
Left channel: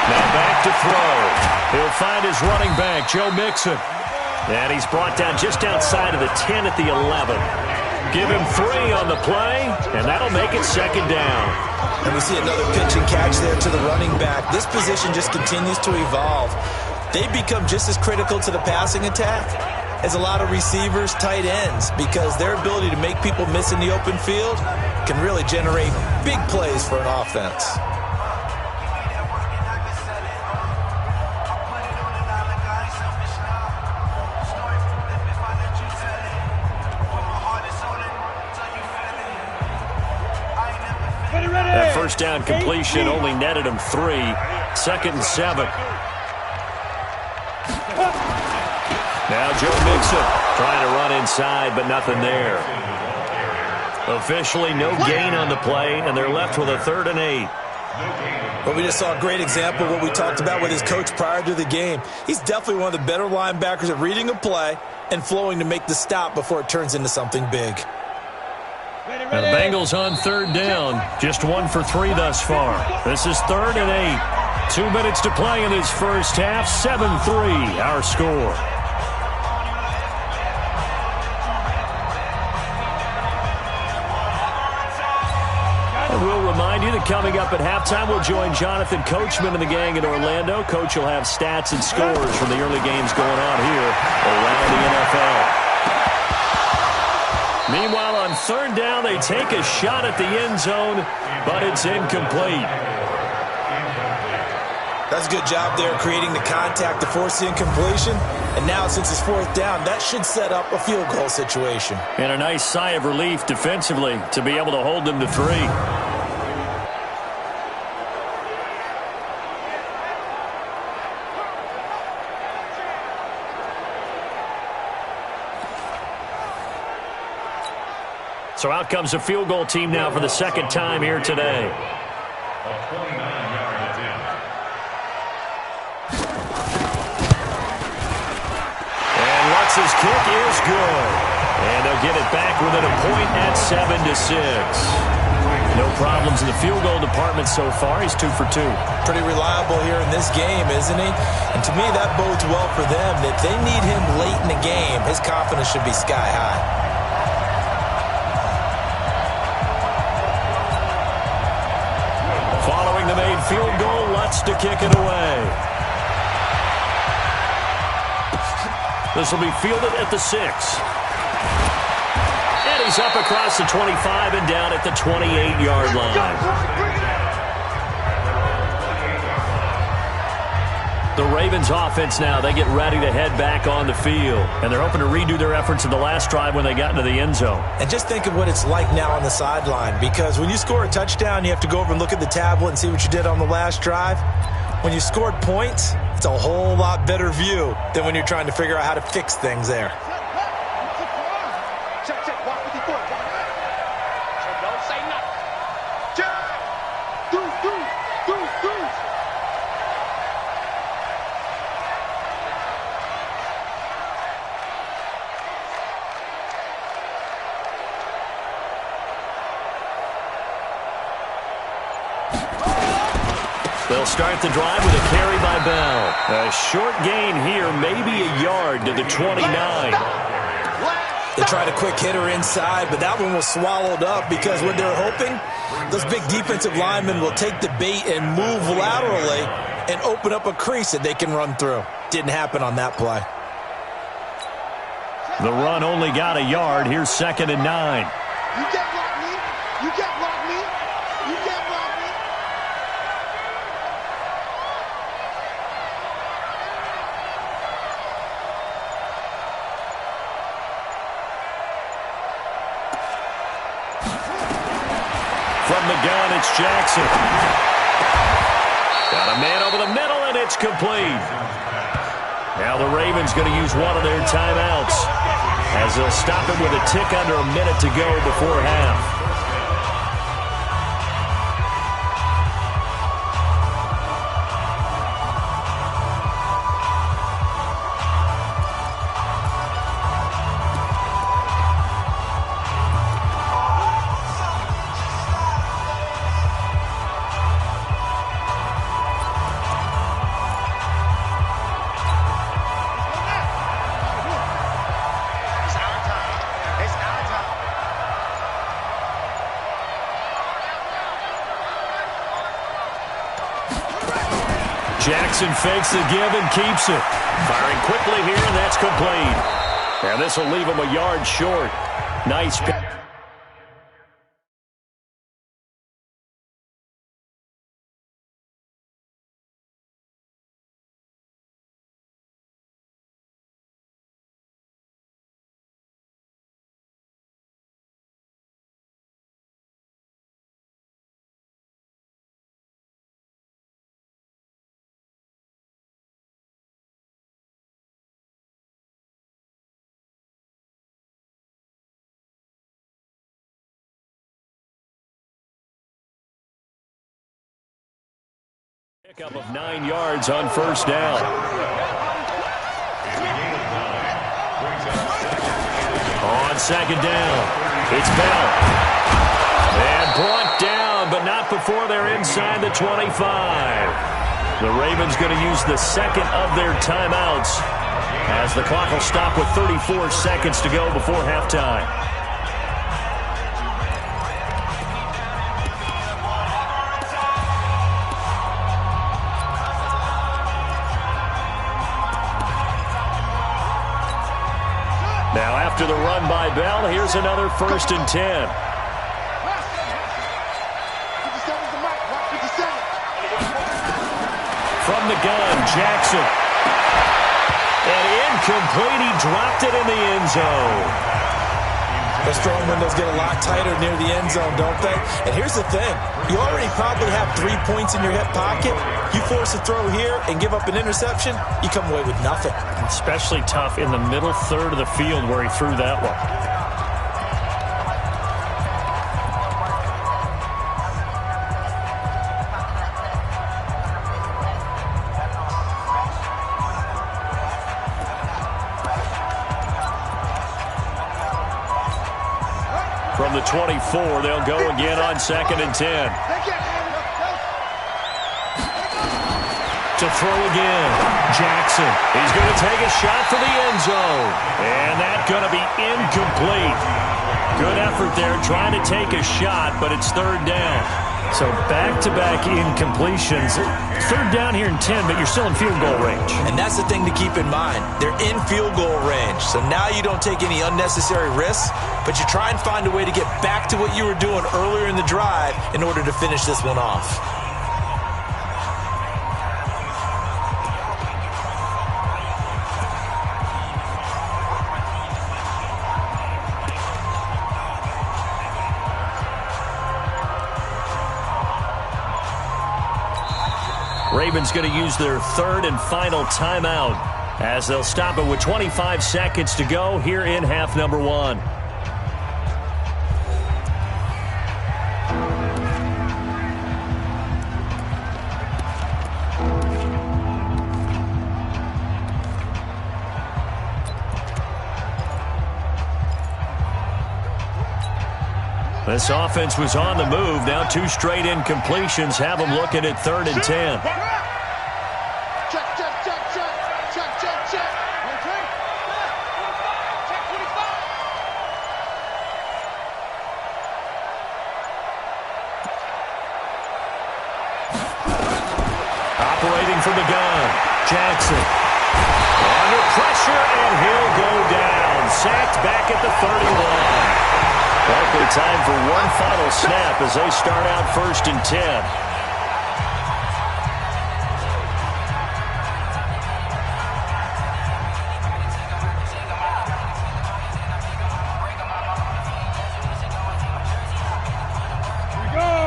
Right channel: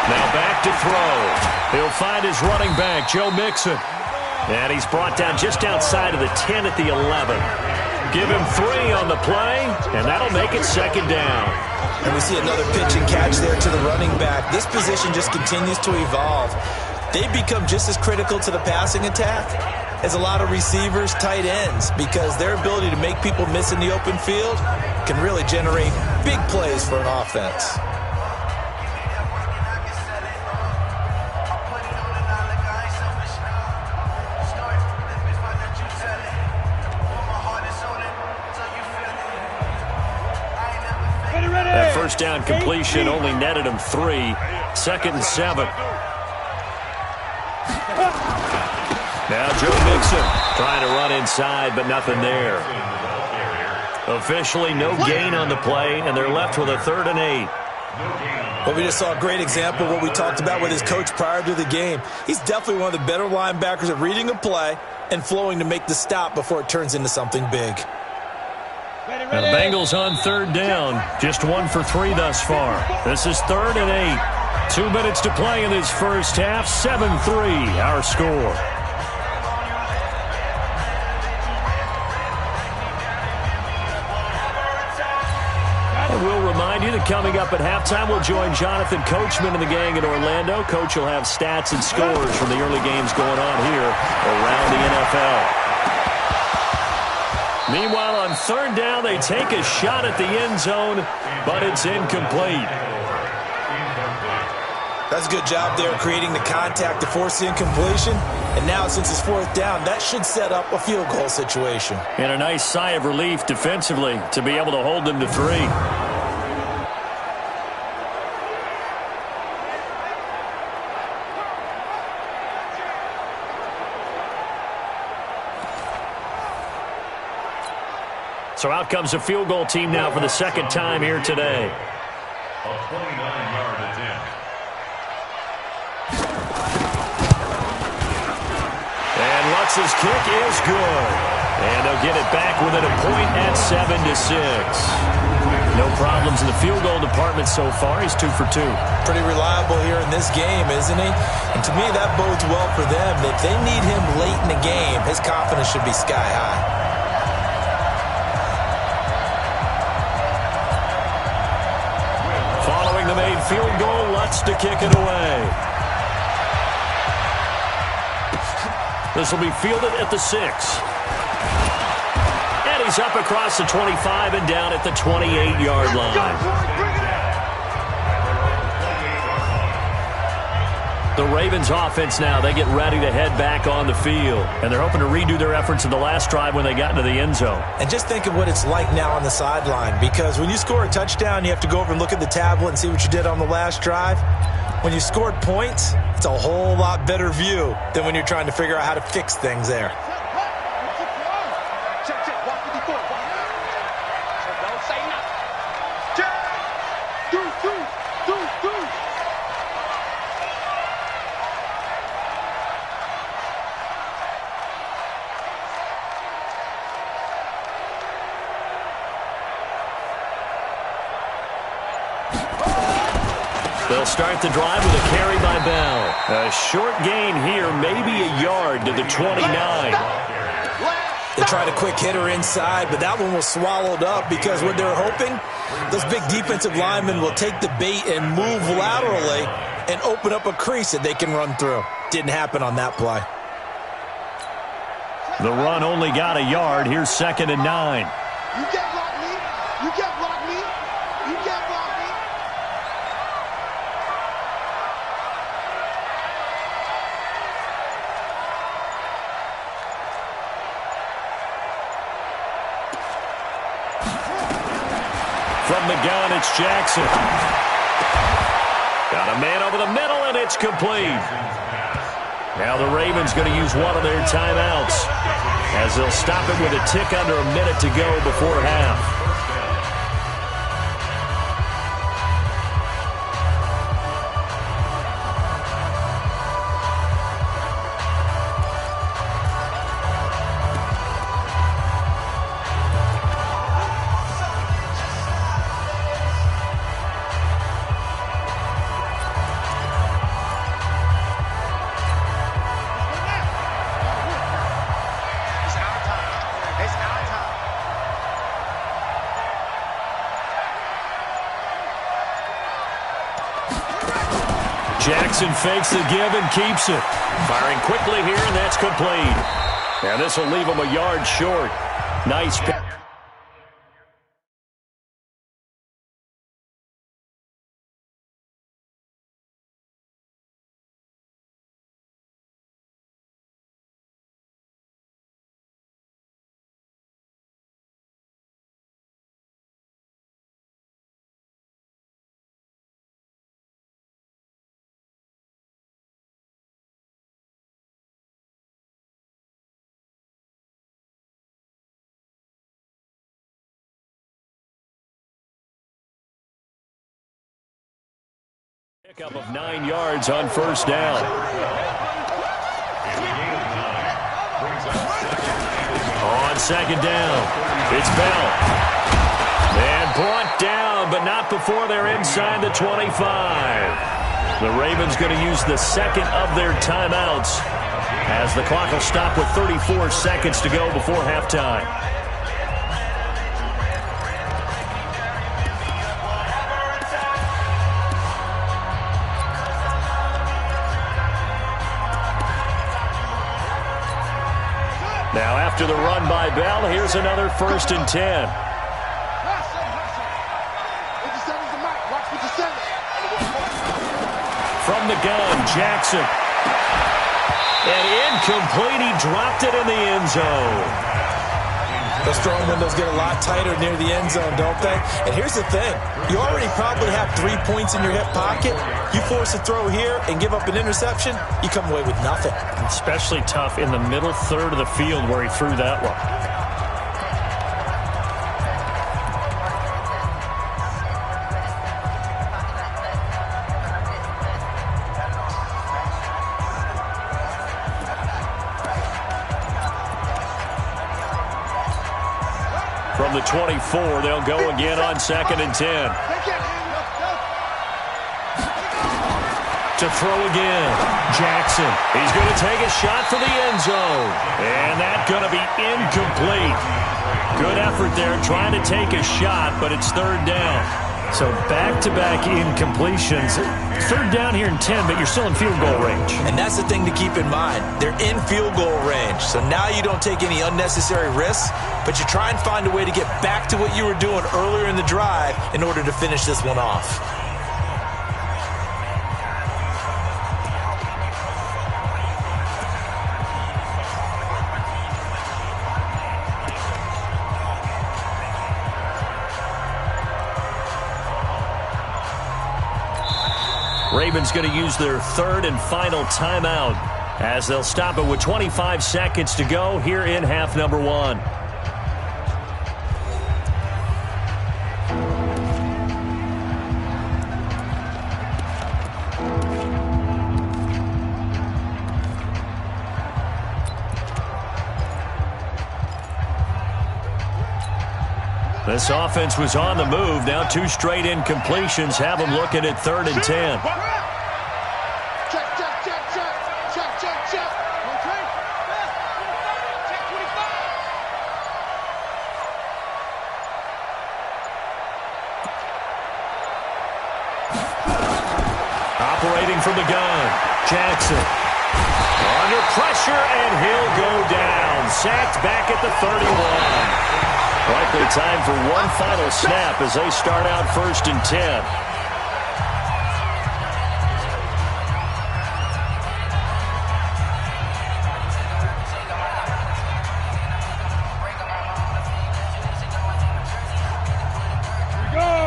Now back to throw. He'll find his running back, Joe Mixon. And he's brought down just outside of the 10 at the 11. Give him 3 on the play, and that'll make it 2nd down. And we see another pitch and catch there to the running back. This position just continues to evolve. They become just as critical to the passing attack as a lot of receivers, tight ends, because their ability to make people miss in the open field can really generate big plays for an offense. That first down completion only netted him 3. 2nd and 7. Now Joe Mixon trying to run inside, but nothing there. Officially no gain on the play, and they're left with a 3rd and 8. Well, we just saw a great example of what we talked about with his coach prior to the game. He's definitely one of the better linebackers at reading a play and flowing to make the stop before it turns into something big. Now the Bengals on 3rd down. Just 1 for 3 thus far. This is 3rd and 8. 2 minutes to play in this first half. 7-3 our score. And we'll remind you that coming up at halftime, we'll join Jonathan Coachman and the gang in Orlando. Coach will have stats and scores from the early games going on here around the NFL. Meanwhile, on 3rd down, they take a shot at the end zone, but it's incomplete. That's a good job there creating the contact to force the incompletion. And now since it's fourth down, that should set up a field goal situation. And a nice sigh of relief defensively to be able to hold them to 3. So out comes a field goal team now for the second time here today. A 29-yard attempt. And Lutz's kick is good. And they'll get it back within a point at 7-6. No problems in the field goal department so far. He's 2 for 2. Pretty reliable here in this game, isn't he? And to me, that bodes well for them. If they need him late in the game, his confidence should be sky high. Following the made field goal, Lutz to kick it away. This will be fielded at the 6. And he's up across the 25 and down at the 28-yard line. The Ravens offense now, they get ready to head back on the field. And they're hoping to redo their efforts in the last drive when they got into the end zone. And just think of what it's like now on the sideline, because when you score a touchdown, you have to go over and look at the tablet and see what you did on the last drive. When you scored points, it's a whole lot better view than when you're trying to figure out how to fix things there. Check. Watch 54. Don't say nothing. Check. Do. They'll start the drive with a carry by Bell. A short gain here, maybe a yard to the 29. They tried a quick hitter inside, but that one was swallowed up because what they're hoping, those big defensive linemen will take the bait and move laterally and open up a crease that they can run through. Didn't happen on that play. The run only got a yard. Here's 2nd and 9. You can't block me. You can't block me. You can't block me. From the gun, it's Jackson. Got a man over the middle, and it's complete. Now the Ravens going to use one of their timeouts as they'll stop it with a tick under a minute to go before half. Jackson fakes the give and keeps it. Firing quickly here, and that's complete. And this will leave him a yard short. Nice pick. Pickup of 9 yards on first down. On second down, it's Bell. And brought down, but not before they're inside the 25. The Ravens going to use the second of their timeouts as the clock will stop with 34 seconds to go before halftime. Now after the run by Bell, here's another 1st and 10. 57's the mic. Watch 57. From the gun. Jackson. And incomplete. He dropped it in the end zone. Those throwing windows get a lot tighter near the end zone, don't they? And here's the thing. You already probably have 3 points in your hip pocket. You force a throw here and give up an interception, you come away with nothing. Especially tough in the middle third of the field where he threw that one. From the 24, they'll go again on 2nd and 10. To throw again. Jackson. He's going to take a shot for the end zone. And that's going to be incomplete. Good effort there trying to take a shot, but it's 3rd down. So back-to-back incompletions. 3rd down here in 10, but you're still in field goal range. And that's the thing to keep in mind. They're in field goal range. So now you don't take any unnecessary risks, but you try and find a way to get back to what you were doing earlier in the drive in order to finish this one off. Ravens going to use their 3rd and final timeout as they'll stop it with 25 seconds to go here in half number 1. This offense was on the move. Now 2 straight incompletions have them looking at 3rd and 10. Check, check, check, check. Check, check, check. Okay. Check 25. Operating from the gun. Jackson. Under pressure, and he'll go down. Sacked back at the 31. Likely time for one final snap as they start out 1st and 10.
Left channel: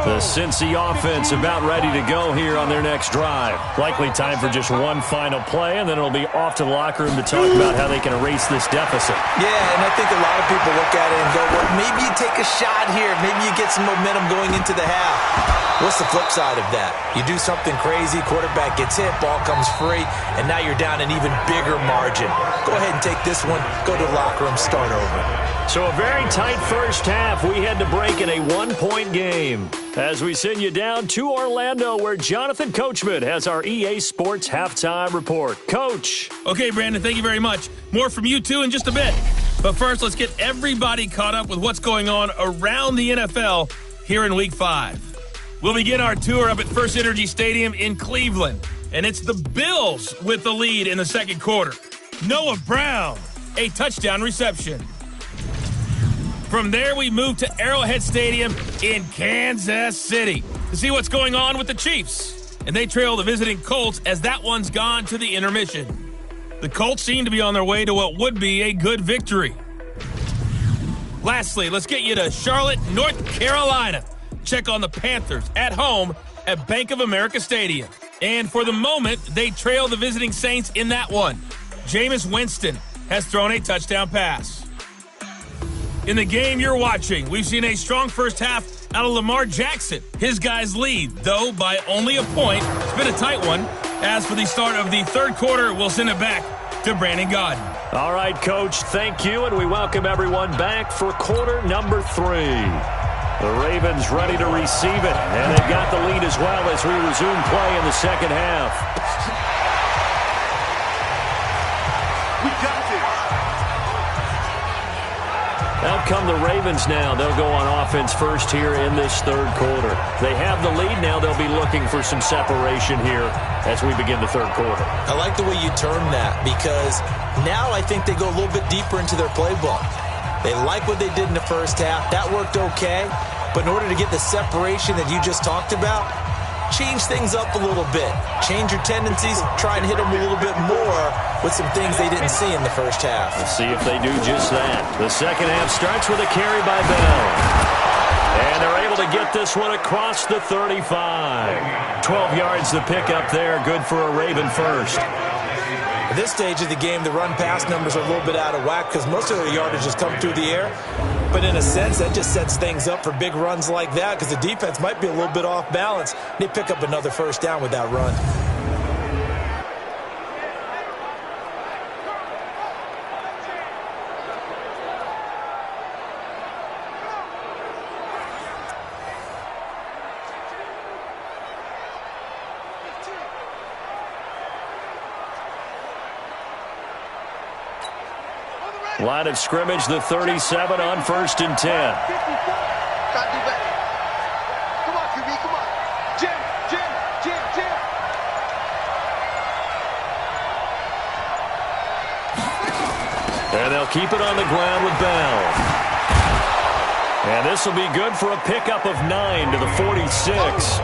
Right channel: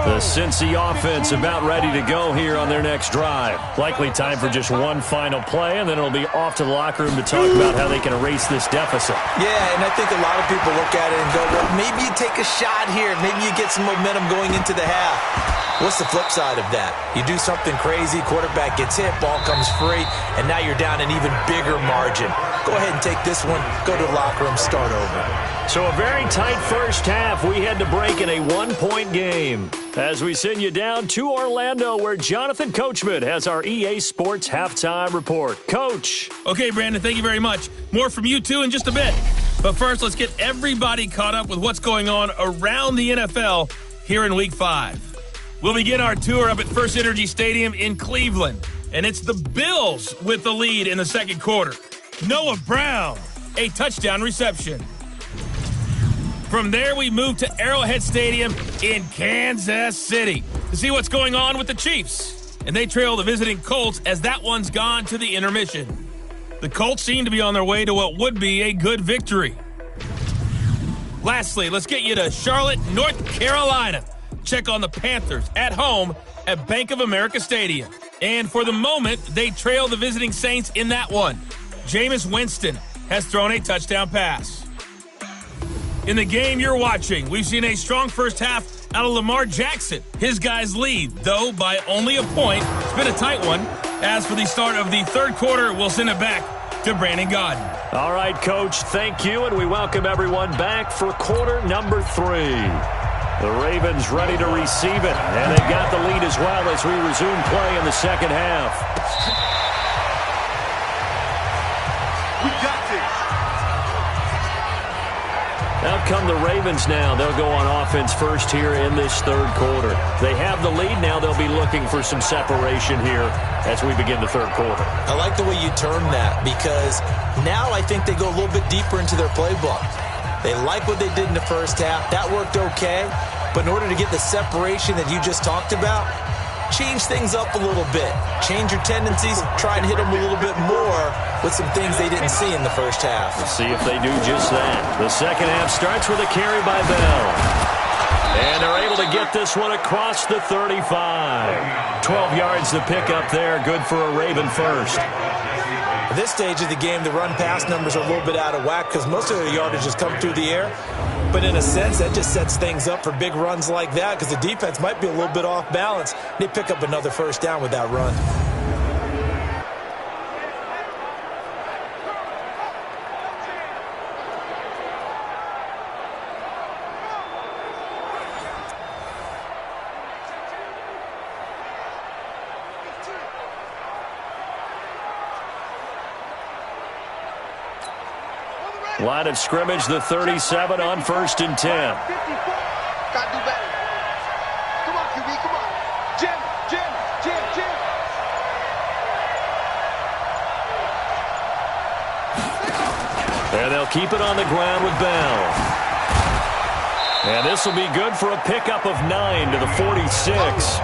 The Cincy offense about ready to go here on their next drive. Likely time for just one final play, and then it'll be off to the locker room to talk about how they can erase this deficit. Yeah, and I think a lot of people look at it and go, well, maybe you take a shot here. Maybe you get some momentum going into the half. What's the flip side of that? You do something crazy, quarterback gets hit, ball comes free, and now you're down an even bigger margin. Go ahead and take this one, go to the locker room, start over. So a very tight first half. We had to break in a 1-point game. As we send you down to Orlando, where Jonathan Coachman has our EA Sports Halftime Report. Coach. Okay, Brandon, thank you very much. More from you, too, in just a bit. But first, let's get everybody caught up with what's going on around the NFL here in Week 5. We'll begin our tour up at First Energy Stadium in Cleveland. And it's the Bills with the lead in the second quarter. Noah Brown, a touchdown reception. From there, we move to Arrowhead Stadium in Kansas City to see what's going on with the Chiefs. And they trail the visiting Colts as that one's gone to the intermission. The Colts seem to be on their way to what would be a good victory. Lastly, let's get you to Charlotte, North Carolina. Check on the Panthers at home at Bank of America Stadium. And for the moment, they trail the visiting Saints in that one. Jameis Winston has thrown a touchdown pass. In the game you're watching, we've seen a strong first half out of Lamar Jackson. His guys lead, though, by only a point. It's been a tight one. As for the start of the third quarter, we'll send it back to Brandon Godden. All right, Coach, thank you, and we welcome everyone back for quarter number 3. The Ravens ready to receive it, and they've got the lead as well as we resume play in the second half. We got this. Out come the Ravens now. They'll go on offense first here in this third quarter. They have the lead now. They'll be looking for some separation here as we begin the third quarter. I like the way you term that, because now I think they go a little bit deeper into their playbook. They like what they did in the first half. That worked okay. But in order to get the separation that you just talked about, change things up a little bit. Change your tendencies, try and hit them a little bit more with some things they didn't see in the first half. We'll see if they do just that. The second half starts with a carry by Bell. And they're able to get this one across the 35. 12 yards to pick up there. Good for a Raven first. At this stage of the game, the run-pass numbers are a little bit out of whack because most of their yardage has come through the air. But in a sense, that just sets things up for big runs like that because the defense might be a little bit off balance. They pick up another first down with that run. Line of scrimmage, the 37 on 1st and 10. Gotta do better. Come on, QB, come on. Jim. And they'll keep it on the ground with Bell. And this will be good for a pickup of 9 to the 46.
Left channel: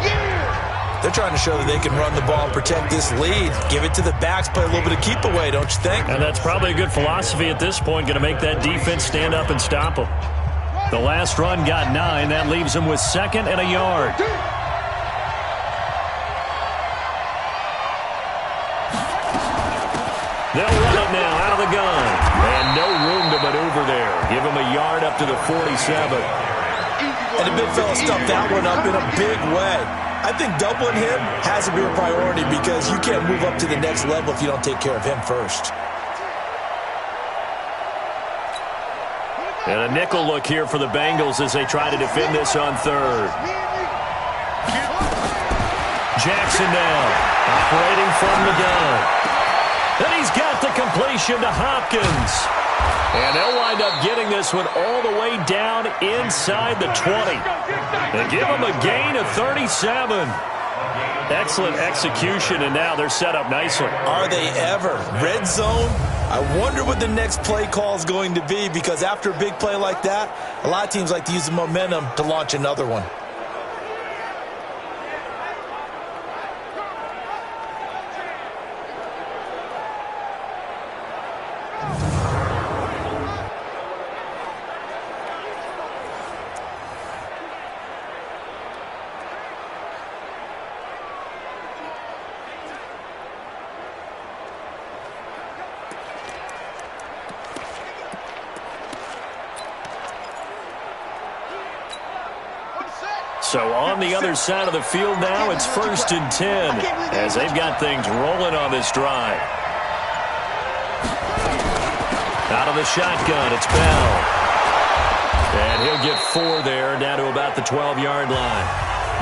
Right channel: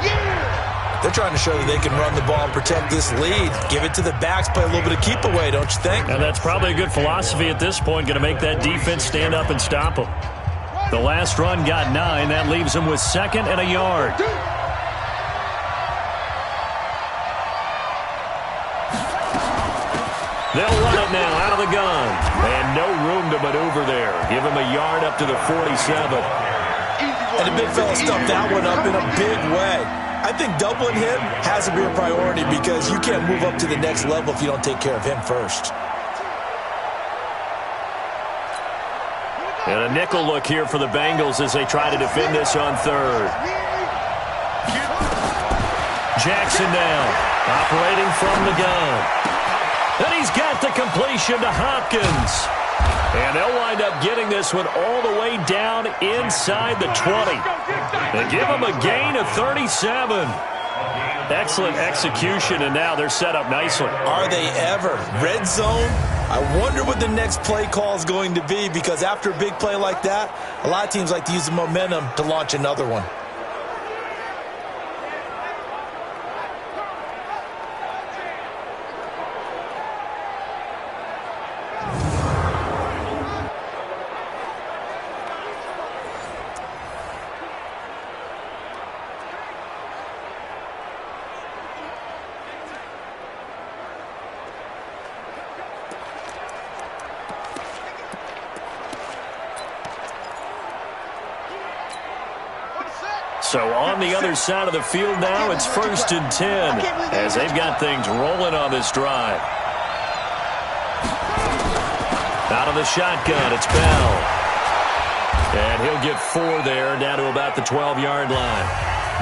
They're trying to show that they can run the ball and protect this lead. Give it to the backs, play a little bit of keep away, don't you think? And that's probably a good philosophy at this point, going to make that defense stand up and stop them. The last run got 9. That leaves them with 2nd and a yard. They'll run it now out of the gun. And no room to maneuver there. Give him a yard up to the 47. And the big fella stuffed that one up in a big way. I think doubling him has to be a priority because you can't move up to the next level if you don't take care of him first. And a nickel look here for the Bengals as they try to defend this on 3rd. Jackson now, operating from the gun. And he's got the completion to Hopkins. And they'll wind up getting this one all the way down inside the 20. They give him a gain of 37. Excellent execution, and now they're set up nicely. Are they ever? Red zone? I wonder what the next play call is going to be because after a big play like that, a lot of teams like to use the momentum to launch another one. So on the other side of the field now, it's 1st and 10 as they've got things rolling on this drive. Out of the shotgun, it's Bell. And he'll get 4 there, down to about the 12-yard line.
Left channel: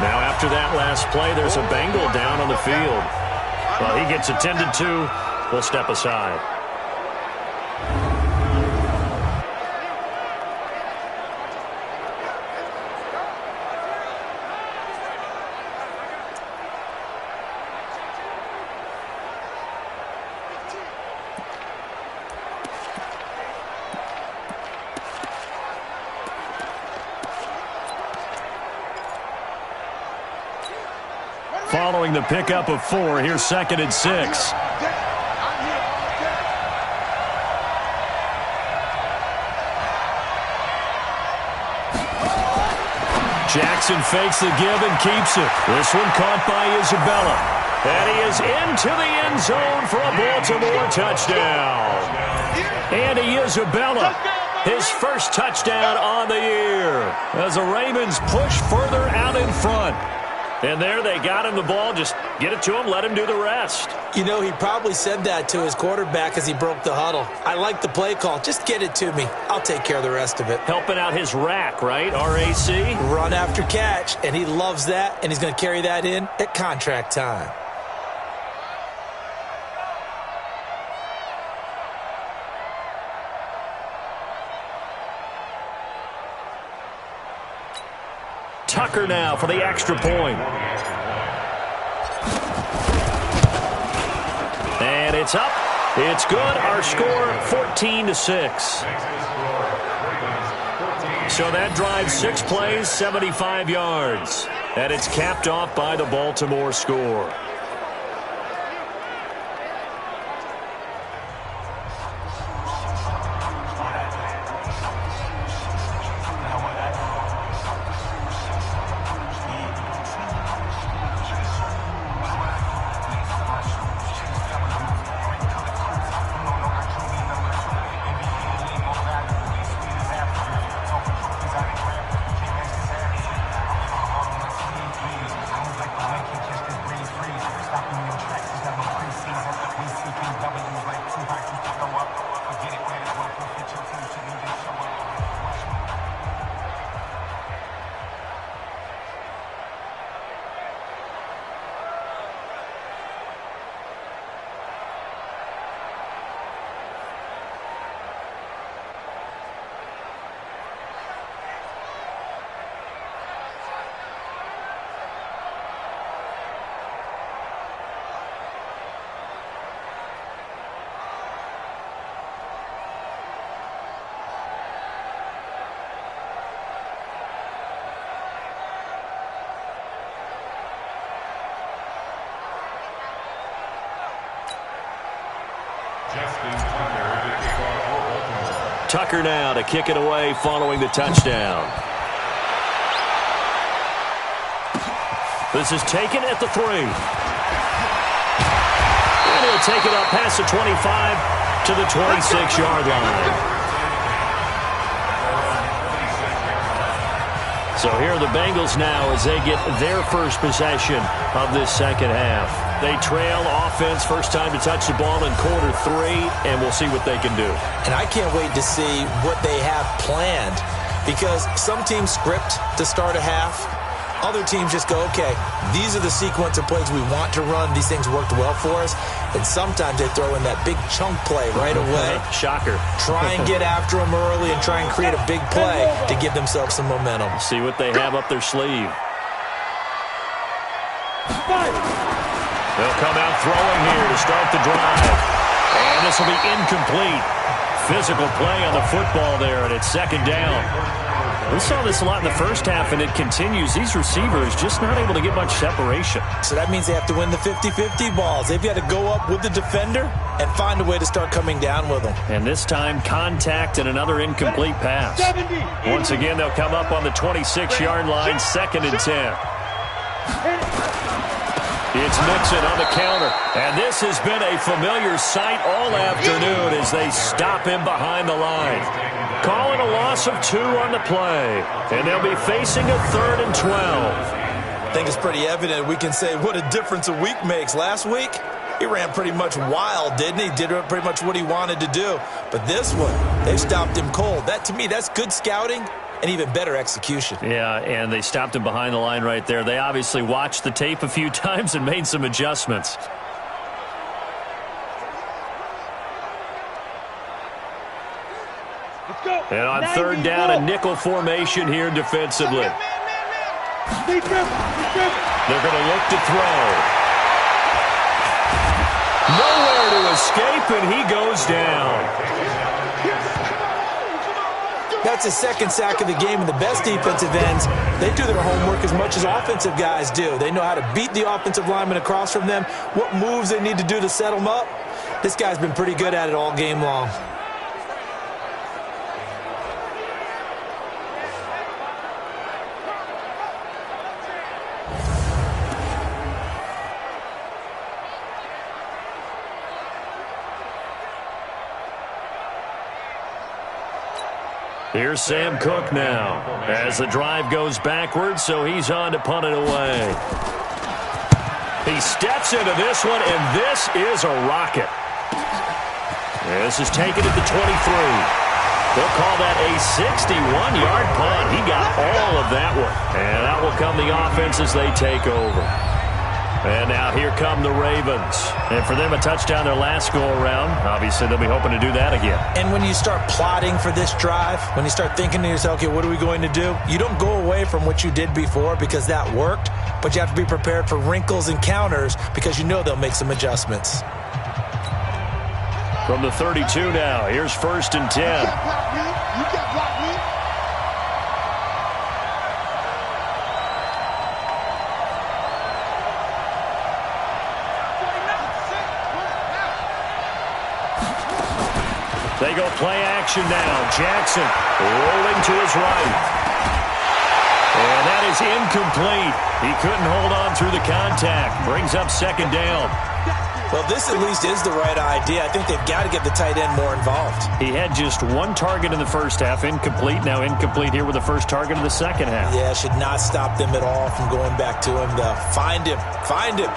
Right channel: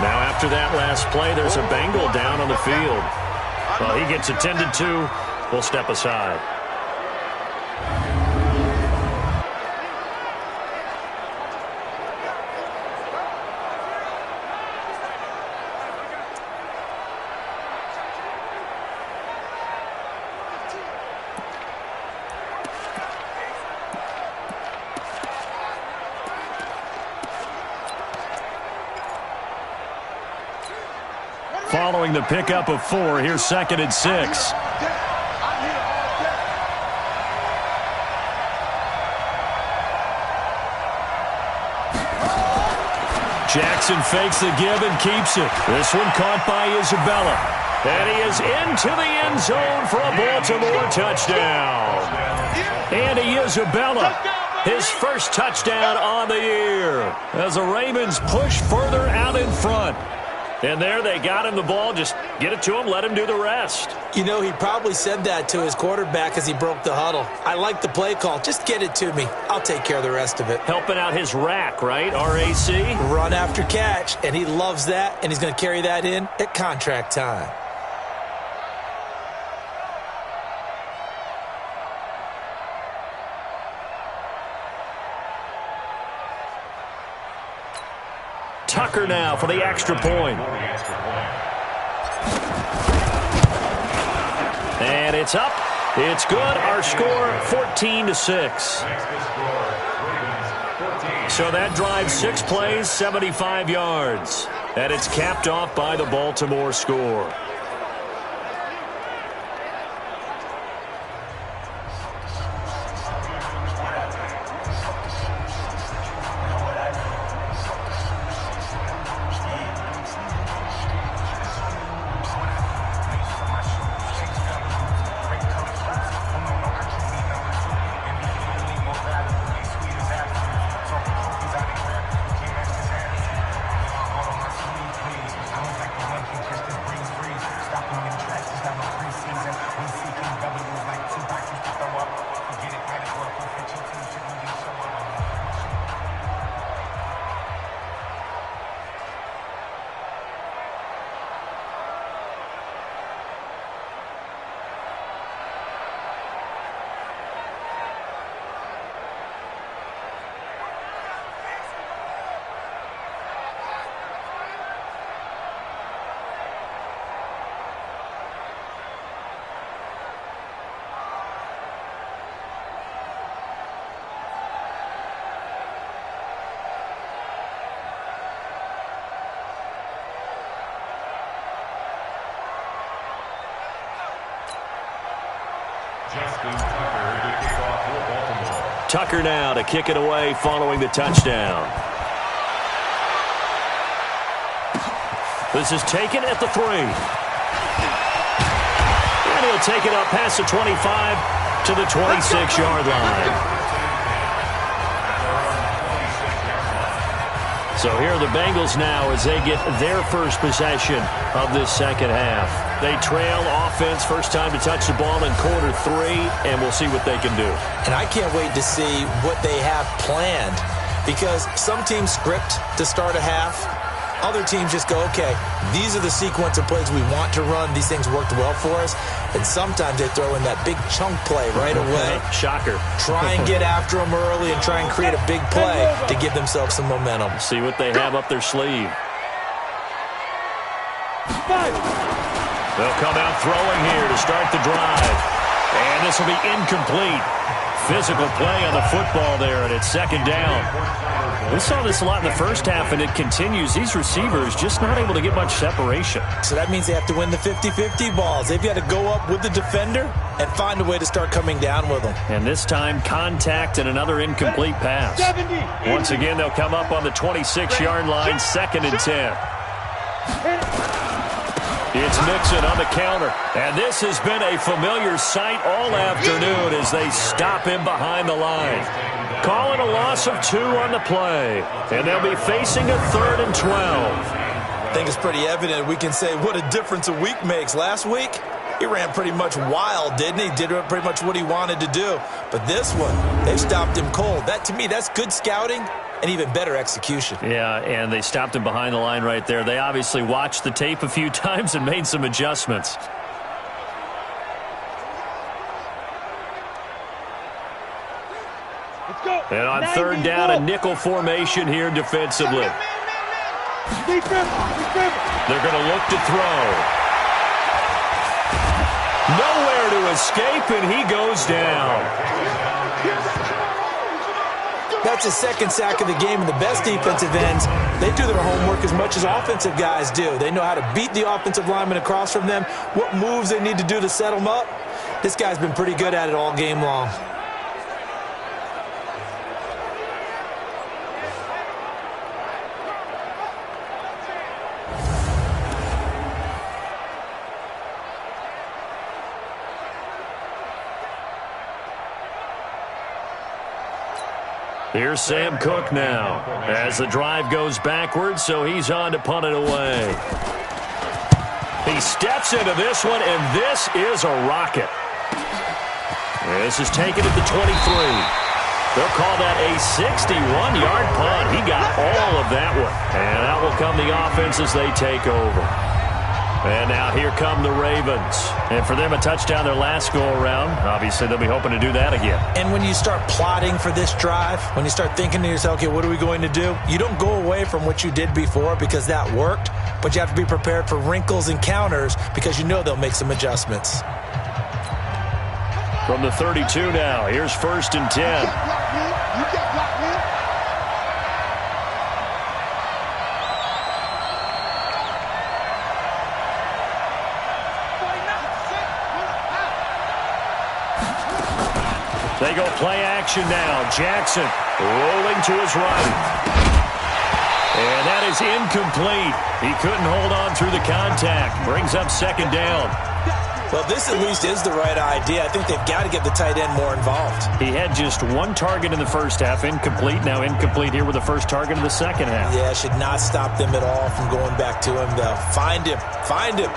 Now after that last play, there's a Bengal down on the field. Well, he gets attended to. We'll step aside. Following the pickup of 4, here's 2nd and 6. Jackson fakes the give and keeps it. This one caught by Isabella. And he is into the end zone for a Baltimore touchdown. Andy Isabella, his first touchdown on the year as the Ravens push further out in front. And there they got him the ball. Just get it to him, let him do the rest. You know, he probably said that to his quarterback as he broke the huddle. I like the play call. Just get it to me. I'll take care of the rest of it. Helping out his rack, right? R-A-C? Run after catch, and he loves that, and he's going to carry that in at contract time. Tucker now for the extra point. And it's up. It's good. Our score 14-6. So that drives 6 plays, 75 yards. And it's capped off by the Baltimore score. Justin Tucker to kick off for Baltimore. Tucker now to kick it away following the touchdown. This is taken at the 3. And he'll take it up past the 25 to the 26-yard line. So here are the Bengals now as they get their first possession of this second half. They trail offense, first time to touch the ball in quarter 3, and we'll see what they can do. And I can't wait to see what they have planned, because some teams script to start a half. Other teams just go, okay, these are the sequence of plays we want to run. These things worked well for us. And sometimes they throw in that big chunk play right away. Shocker. Try and get after them early and try and create a big play to give themselves some momentum. See what they have up their sleeve. They'll come out throwing here to start the drive. And this will be incomplete. Physical play on the football there, and it's second down. We saw this a lot in the first half, and it continues. These receivers just not able to get much separation. So that means they have to win the 50-50 balls. They've got to go up with the defender and find a way to start coming down with them. And this time, contact and another incomplete pass. Once again, they'll come up on the 26-yard line, 2nd and 10. It's Mixon on the counter. And this has been a familiar sight all afternoon as they stop him behind the line. Calling a loss of 2 on the play. And they'll be facing a 3rd and 12. I think it's pretty evident. We can say what a difference a week makes. Last week, he ran pretty much wild, didn't he? Did pretty much what he wanted to do. But this one, they've stopped him cold. That, to me, that's good scouting and even better execution. Yeah, and they stopped him behind the line right there. They obviously watched the tape a few times and made some adjustments. And on 3rd down, a nickel formation here defensively. They're going to look to throw. Nowhere to escape, and he goes down. That's his 2nd sack of the game, and the best defensive ends, they do their homework as much as offensive guys do. They know how to beat the offensive lineman across from them, what moves they need to do to set them up. This guy's been pretty good at it all game long. Here's Sam Cook now as the drive goes backwards, so he's on to punt it away. He steps into this one, and this is a rocket. This is taken at the 23. They'll call that a 61-yard punt. He got all of that one. And out will come the offense as they take over. And now here come the Ravens. And for them, a touchdown their last go-around. Obviously, they'll be hoping to do that again. And when you start plotting for this drive, when you start thinking to yourself, okay, what are we going to do? You don't go away from what you did before because that worked, but you have to be prepared for wrinkles and counters because you know they'll make some adjustments. From the 32 now, here's 1st and 10. You can't block me. They go play action now. Jackson rolling to his right. And that is incomplete. He couldn't hold on through the contact. Brings up second down. Well, this at least is the right idea. I think they've got to get the tight end more involved. He had just one target in the first half, incomplete. Now incomplete here with the first target of the second half. Yeah, should not stop them at all from going back to him, though. Find him. Find him.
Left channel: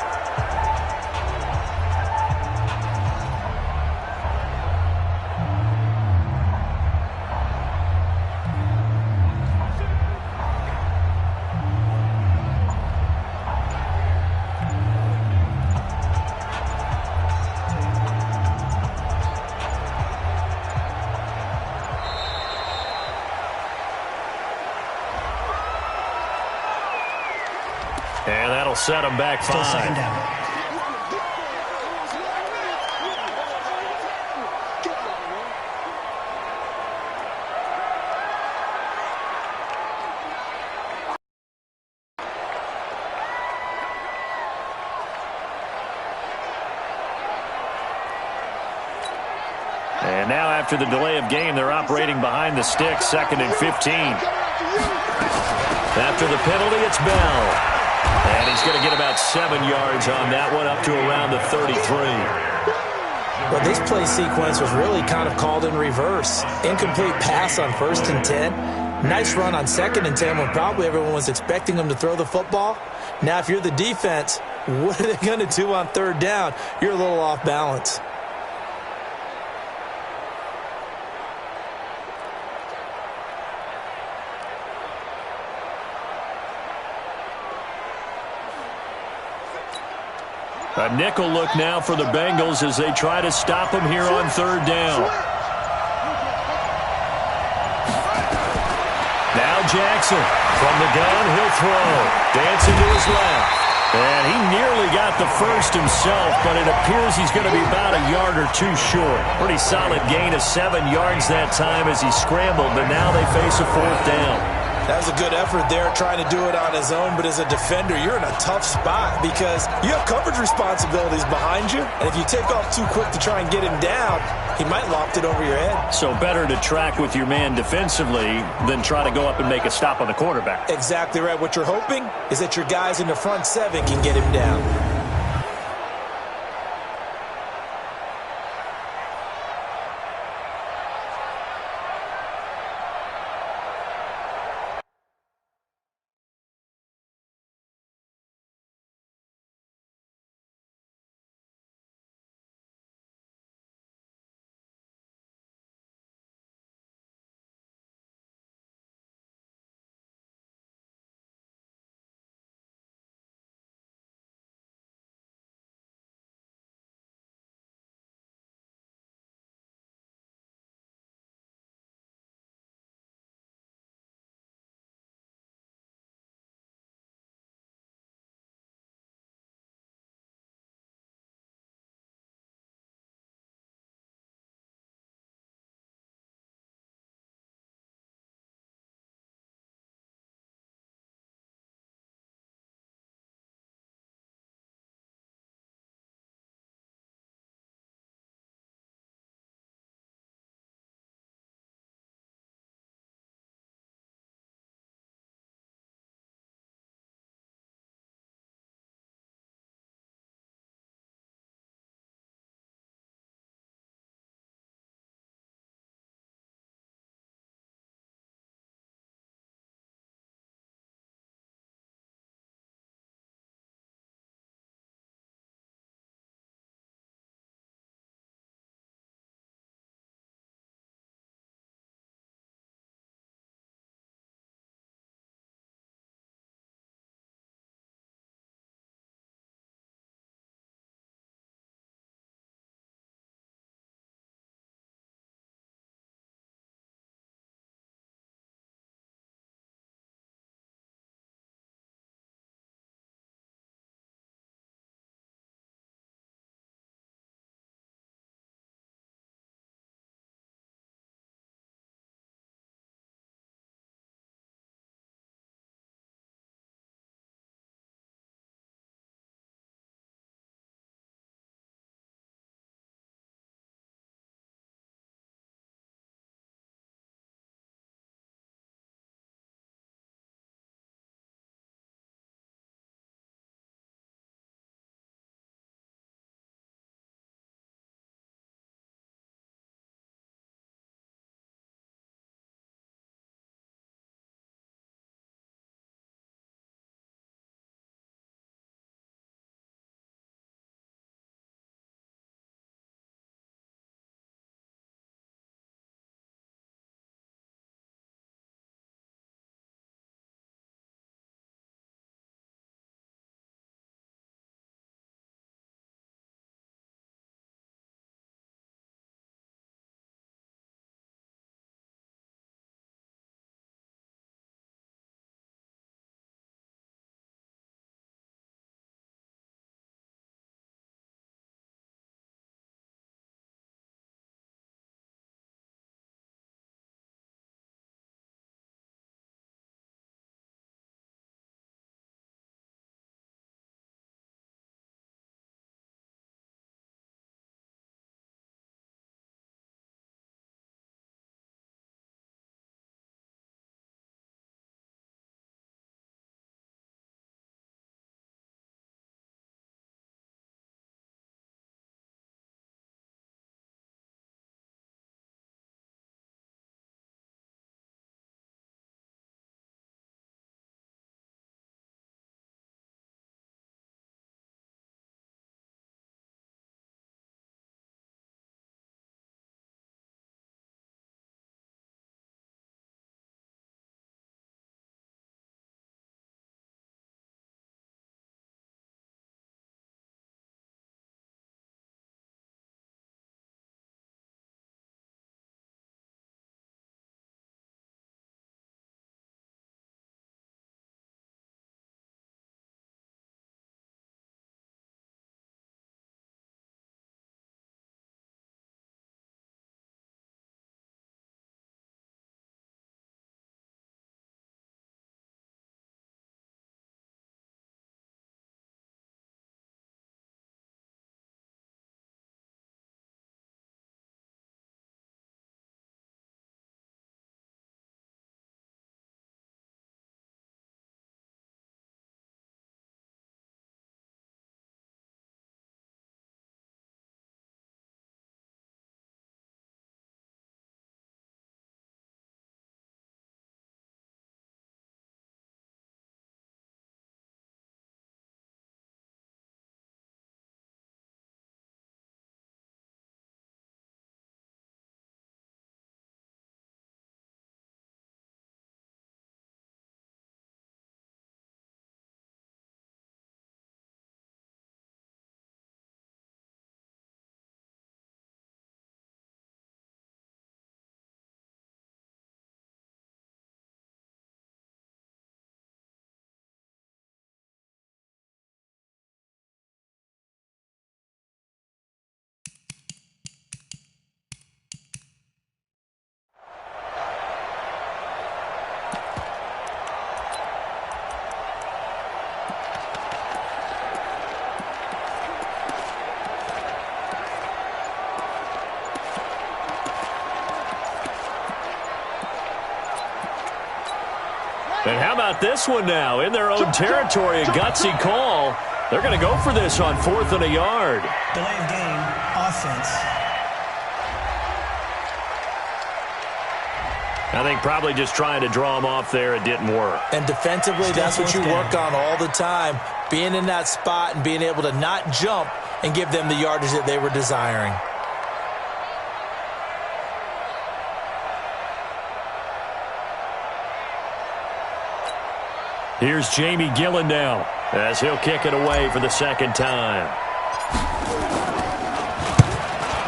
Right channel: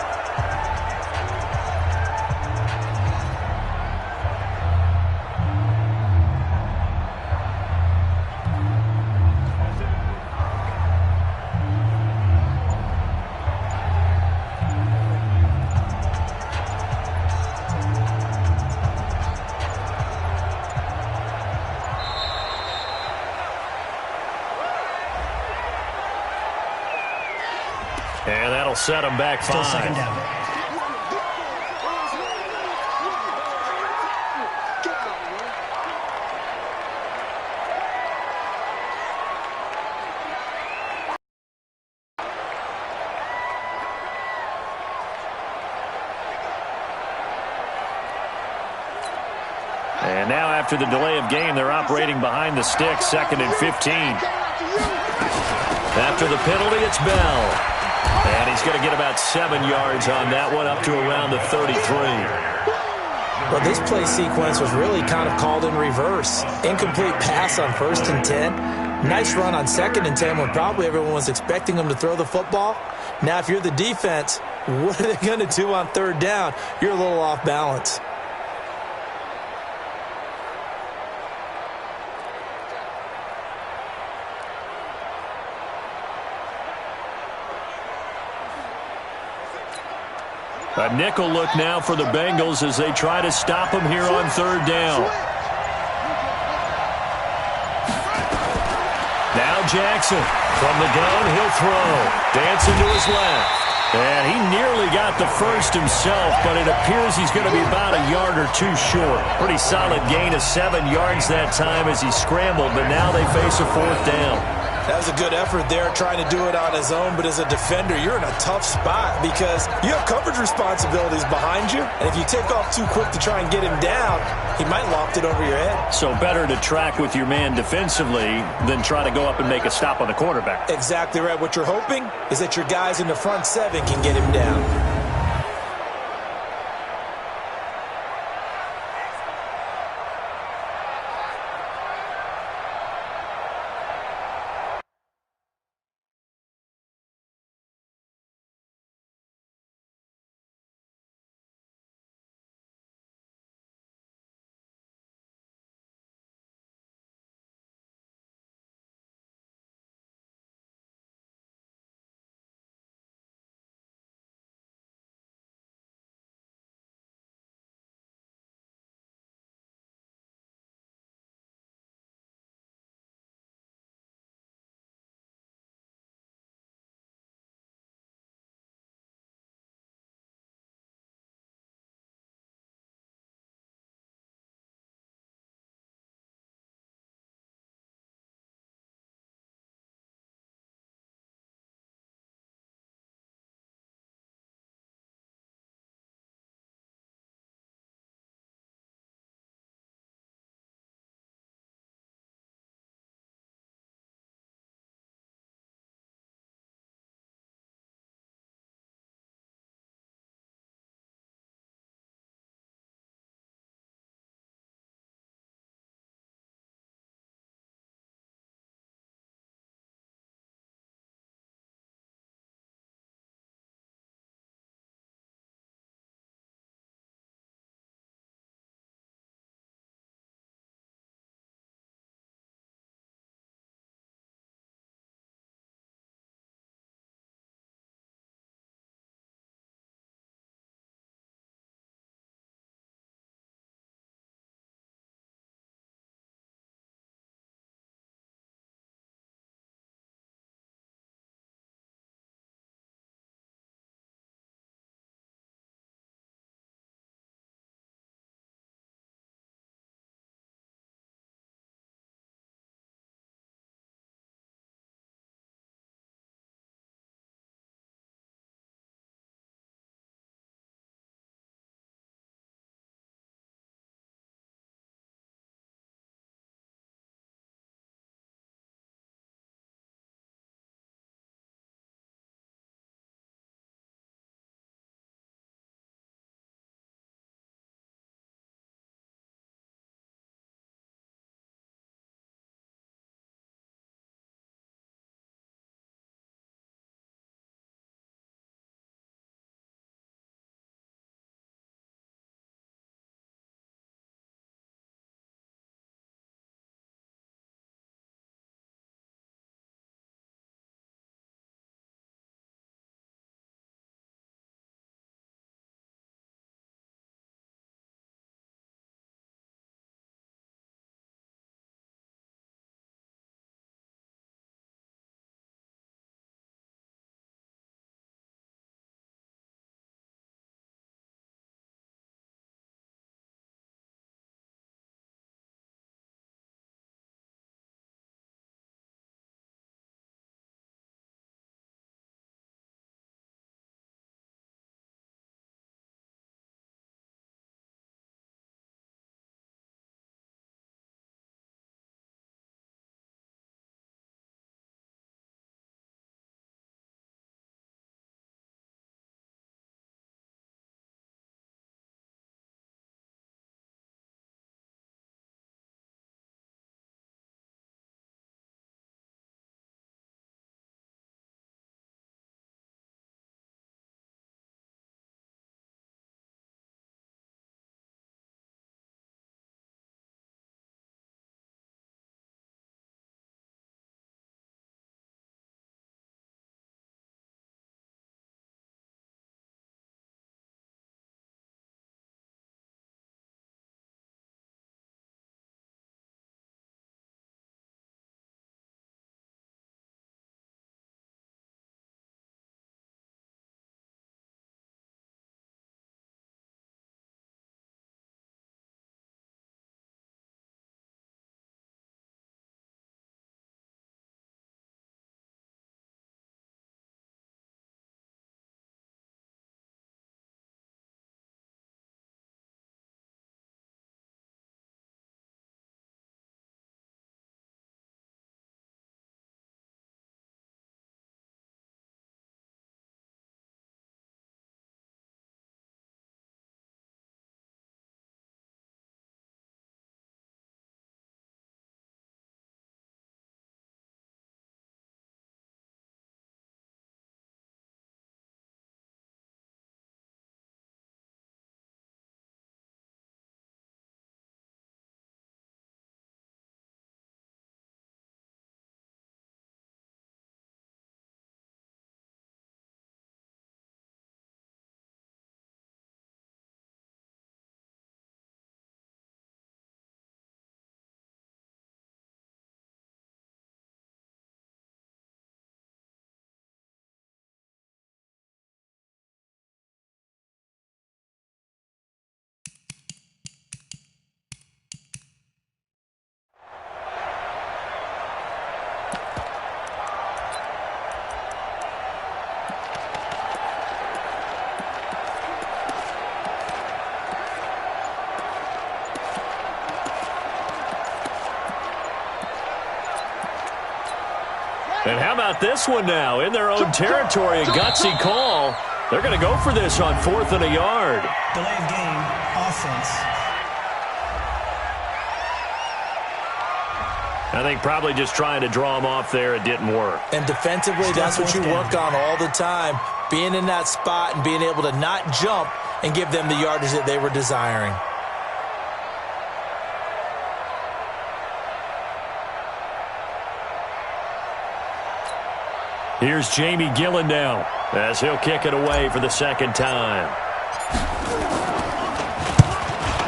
And that'll set him back 5. Still second down. And now after the delay of game, they're operating behind the sticks, 2nd and 15. After the penalty, it's Bell. And he's going to get about 7 yards on that one, up to around the 33. Well, this play sequence was really kind of called in reverse. Incomplete pass on 1st and 10. Nice run on 2nd and 10 when probably everyone was expecting him to throw the football. Now, if you're the defense, what are they going to do on 3rd down? You're a little off balance. A nickel look now for the Bengals as they try to stop him here on 3rd down. Now Jackson from the gun, he'll throw. Dancing to his left. And he nearly got the first himself, but it appears he's going to be about a yard or 2 short. Pretty solid gain of 7 yards that time as he scrambled, but now they face a 4th down. That was a good effort there, trying to do it on his own. But as a defender, you're in a tough spot because you have coverage responsibilities behind you. And if you take off too quick to try and get him down, he might loft it over your head. So better to track with your man defensively than try to go up and make a stop on the quarterback. Exactly right. What you're hoping is that your guys in the front 7 can get him down. And how about this one now? In their own territory, a gutsy call. They're going to go for this on 4th and a yard. Delay of game, offense. I think probably just trying to draw him off there. It didn't work. And defensively, that's what you work on all the time. Being in that spot and being able to not jump and give them the yardage that they were desiring. Here's Jamie Gillen now as he'll kick it away for the second time.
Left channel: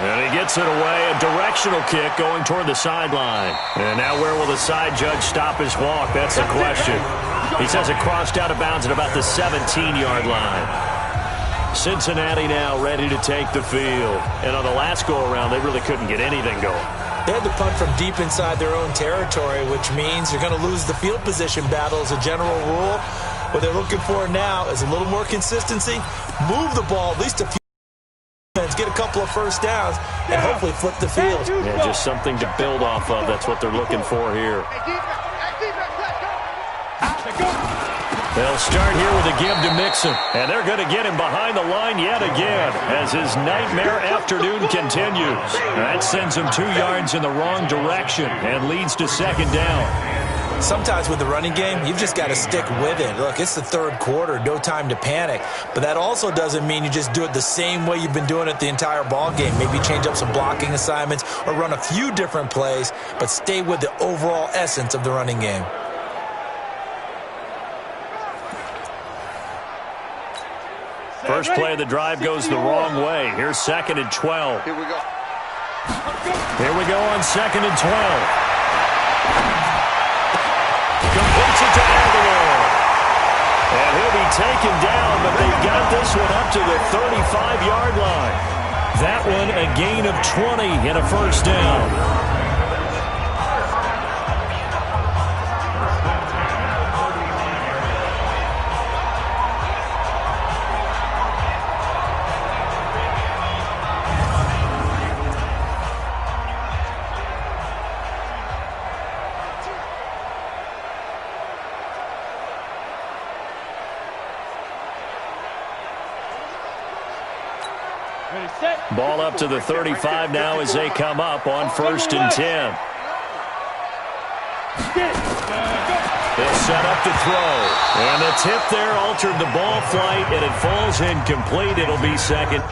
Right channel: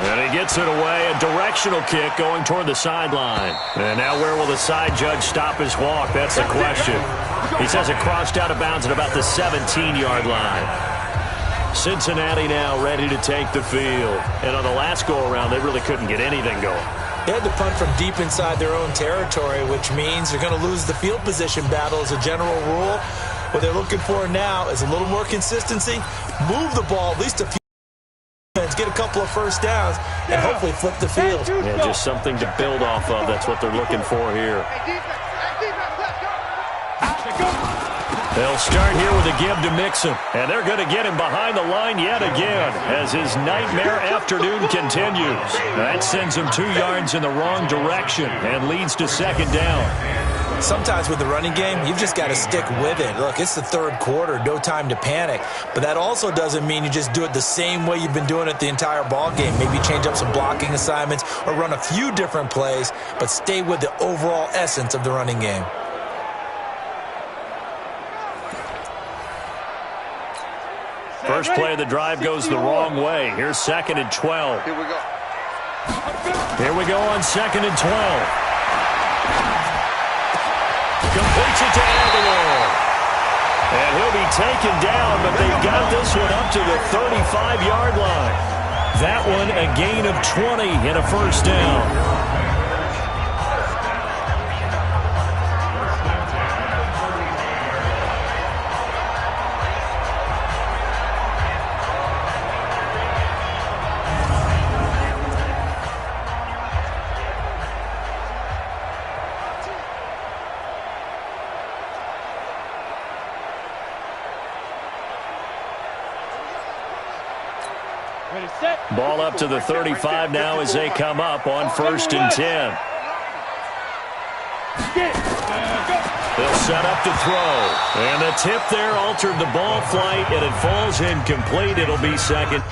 And he gets it away, a directional kick going toward the sideline. And now where will the side judge stop his walk? That's the question. He says it crossed out of bounds at about the 17-yard line. Cincinnati now ready to take the field. And on the last go-around, they really couldn't get anything going. They had to punt from deep inside their own territory, which means you're going to lose the field position battle as a general rule. What they're looking for now is a little more consistency, move the ball at least a few times, get a couple of first downs, and hopefully flip the field. Yeah, just something to build off of. That's what they're looking for here. They'll start here with a give to Mixon, and they're going to get him behind the line yet again as his nightmare afternoon continues. That sends him 2 yards in the wrong direction and leads to second down. Sometimes with the running game, you've just got to stick with it. Look, it's the third quarter, no time to panic. But that also doesn't mean you just do it the same way you've been doing it the entire ball game. Maybe change up some blocking assignments or run a few different plays, but stay with the overall essence of the running game. First play of the drive goes the wrong way. Here's 2nd and 12. Here we go. Here we go on 2nd and 12. Completes it to Aguilar. And he'll be taken down, but they've got this one up to the 35-yard line. That one a gain of 20 and a first down. Ball up to the 35 now as they come up on 1st and 10. They'll set up to throw. And the tip there altered the ball flight, and it falls incomplete. It'll be second.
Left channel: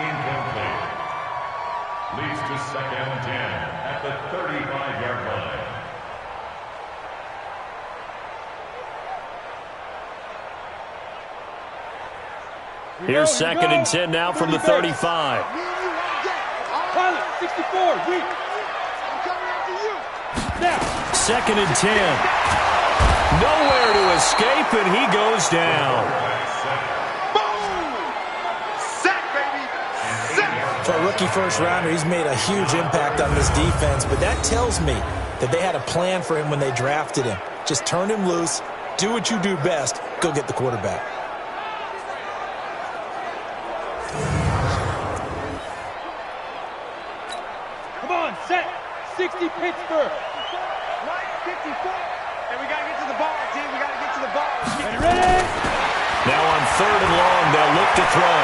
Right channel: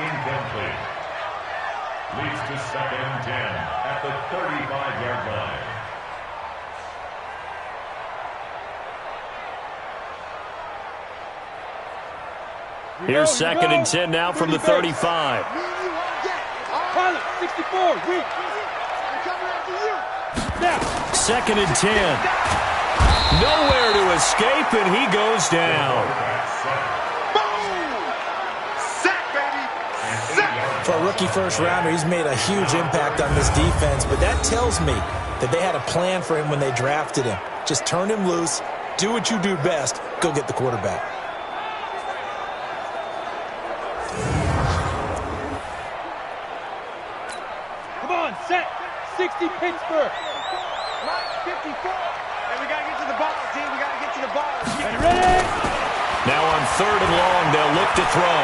incomplete. Leads to 2nd and 10 at the 35-yard line. Here's 2nd and 10 now from the 35. Pilot, 64, weak. I'm coming after you. Now. 2nd and 10. Nowhere to escape, and he goes down. Boom! Sack, baby! Sack! For a rookie first-rounder, he's made a huge impact on this defense, but that tells me that they had a plan for him when they drafted him. Just turn him loose, do what you do best, go get the quarterback. Come on, set. 60 Pittsburgh. Mike, 54. Hey, we got to get to the ball, team. We got to get to the ball. Ready? Now on 3rd and long, they'll look to throw.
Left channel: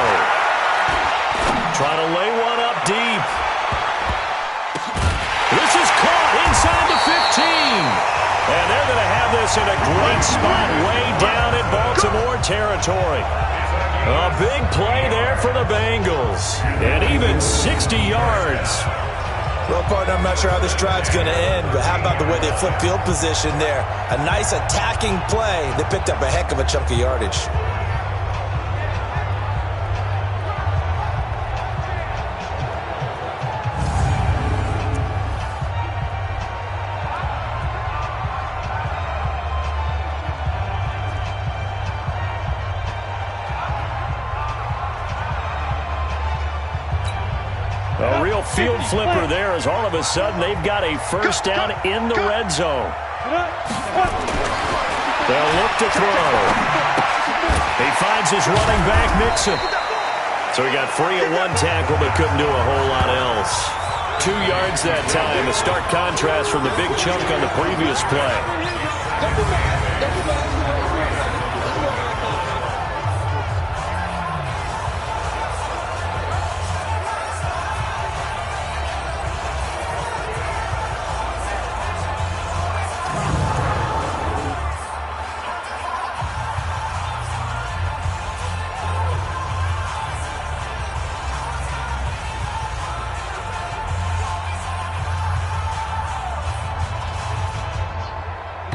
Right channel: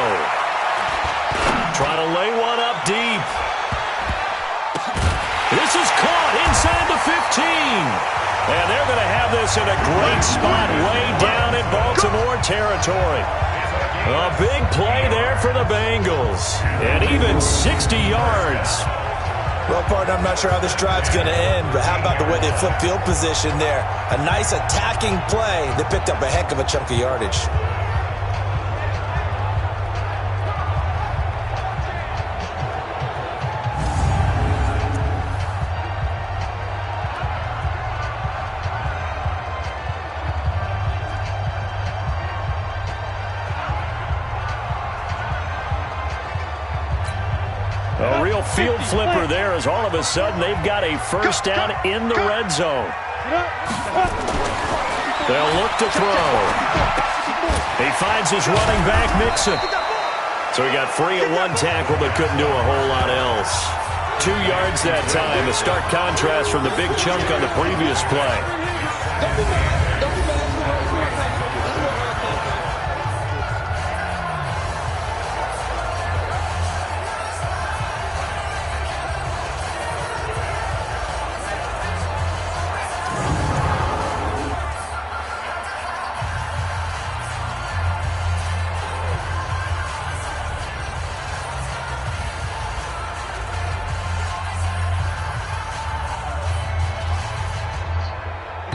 Trying to lay one up deep. This is caught inside the 15. And they're going to have this in a great spot way down in Baltimore territory. A big play there for the Bengals. And even 60 yards. Well, partner, I'm not sure how this drive's going to end, but how about the way they flip field position there? A nice attacking play. They picked up a heck of a chunk of yardage. A real field flipper there as all of a sudden they've got a first down in the red zone. They'll look to throw. He finds his running back, Mixon. So he got free at one tackle but couldn't do a whole lot else. 2 yards that time, a stark contrast from the big chunk on the previous play.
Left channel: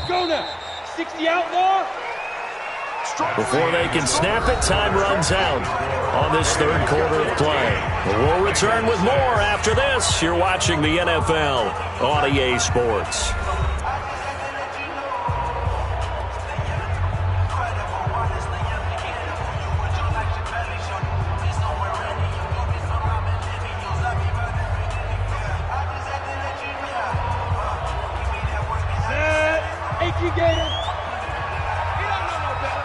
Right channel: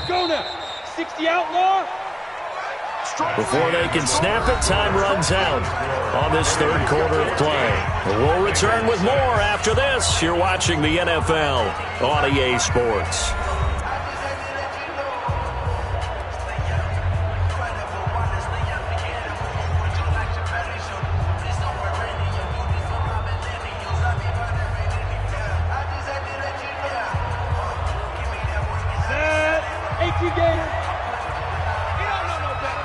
Go now. 60 outlaw. Before they can snap it, time runs out on this 3rd quarter of play. We'll return with more after this. You're watching the NFL on EA Sports. Gator. You don't know no better.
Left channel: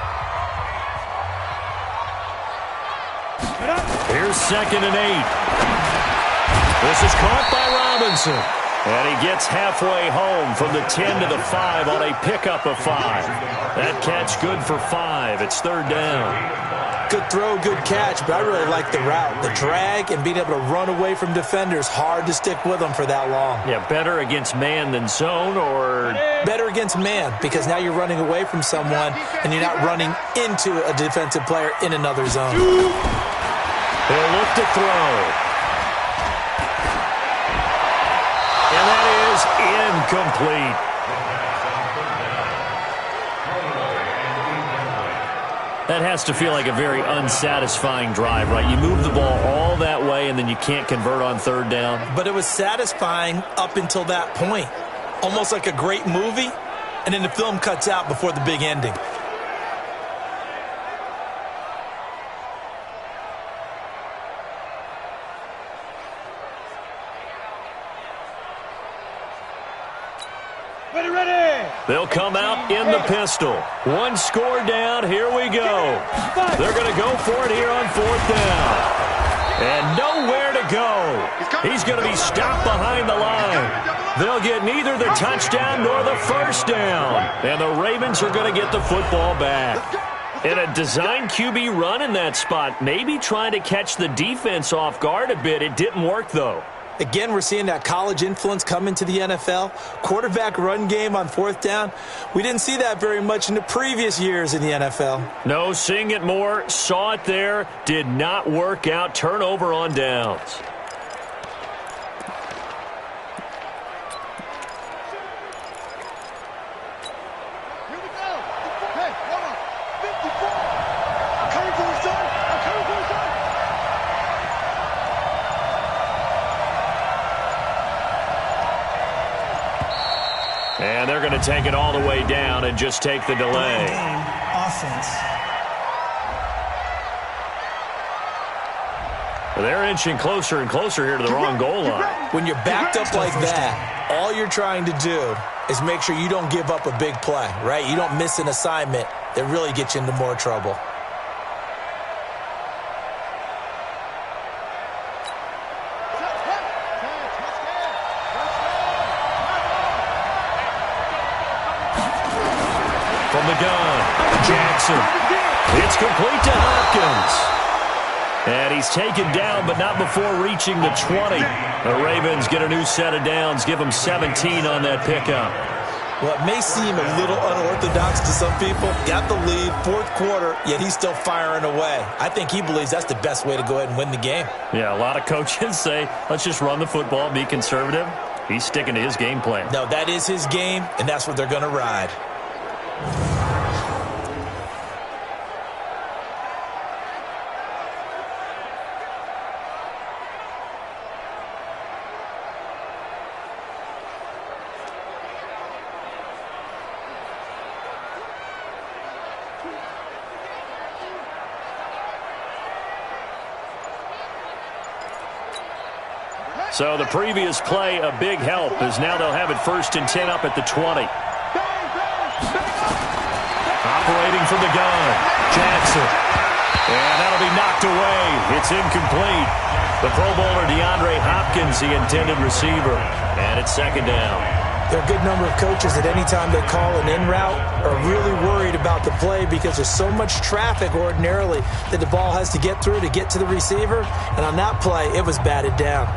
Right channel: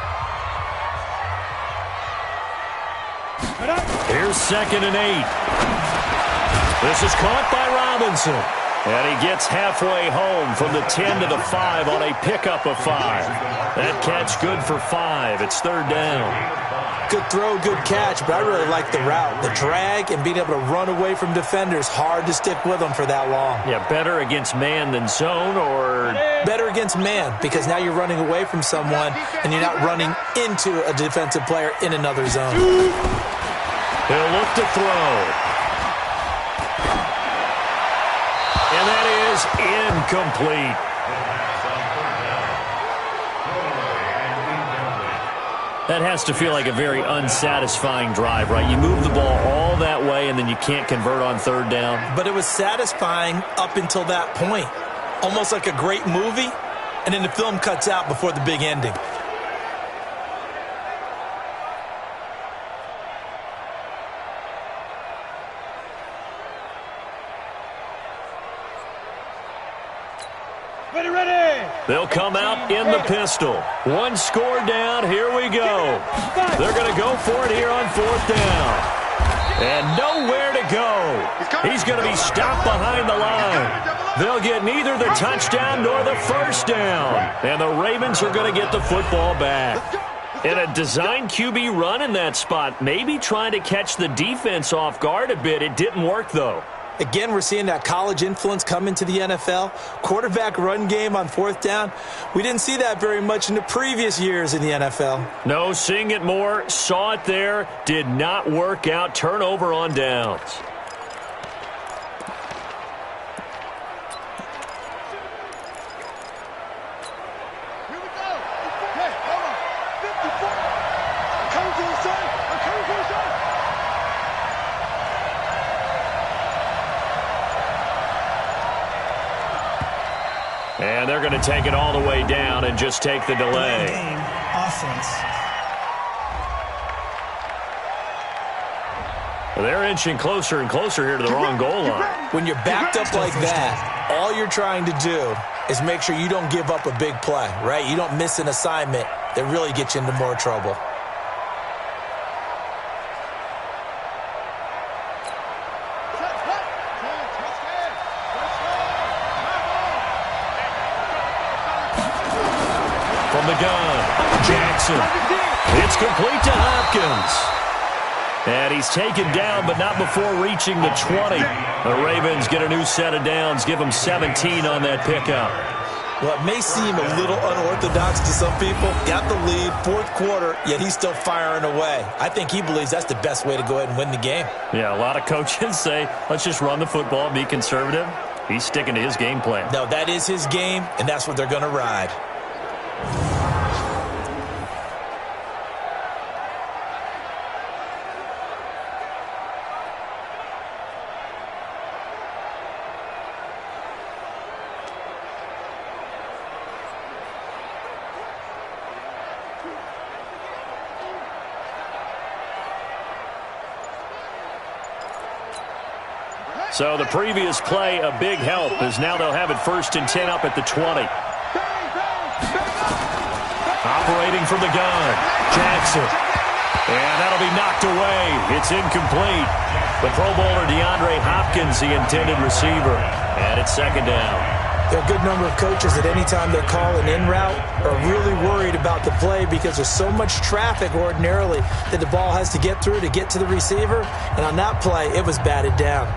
Here's 2nd and 8. This is caught by Robinson. And he gets halfway home from the 10 to the 5 on a pickup of 5. That catch good for 5. It's 3rd down. Good throw, good catch, but I really like the route. The drag and being able to run away from defenders, hard to stick with them for that long. Yeah, better against man than zone, or better against man, because now you're running away from someone and you're not running into a defensive player in another zone. They'll look to throw. And that is incomplete. That has to feel like a very unsatisfying drive, right? You move the ball all that way, and then you can't convert on 3rd down. But it was satisfying up until that point. Almost like a great movie, and then the film cuts out before the big ending. They'll come out in the pistol. 1 score down. Here we go. They're going to go for it here on 4th down. And nowhere to go. He's going to be stopped behind the line. They'll get neither the touchdown nor the first down. And the Ravens are going to get the football back. And a design QB run in that spot, maybe trying to catch the defense off guard a bit. It didn't work, though. Again, we're seeing that college influence come into the NFL. Quarterback run game on 4th down. We didn't see that very much in the previous years in the NFL. No, seeing it more. Saw it there. Did not work out. Turnover on downs. Here we go. Hey, hold on. 54. I'm coming for you, son. I'm coming for you, son. And they're going to take it all the way down and just take the delay. Game, offense. They're inching closer and closer here to the wrong goal line. When you're backed up like that, all you're trying to do is make sure you don't give up a big play, right? You don't miss an assignment that really gets you into more trouble. From the gun, Jackson. It's complete to Hopkins. And he's taken down, but not before reaching the 20. The Ravens get a new set of downs, give them 17 on that pickup. Well, it may seem a little unorthodox to some people. Got the lead, 4th quarter, yet he's still firing away. I think he believes that's the best way to go ahead and win the game. Yeah, a lot of coaches say, let's just run the football, be conservative. He's sticking to his game plan. No, that is his game, and that's what they're going to ride. So the previous play, a big help, as now they'll have it 1st and 10 up at the 20. Operating from the gun, Jackson. And that'll be knocked away. It's incomplete. The Pro Bowler DeAndre Hopkins, the intended receiver. And it's 2nd down. There are a good number of coaches that any time they call an in route are really worried about the play because there's so much traffic ordinarily that the ball has to get through to get to the receiver. And on that play, it was batted down.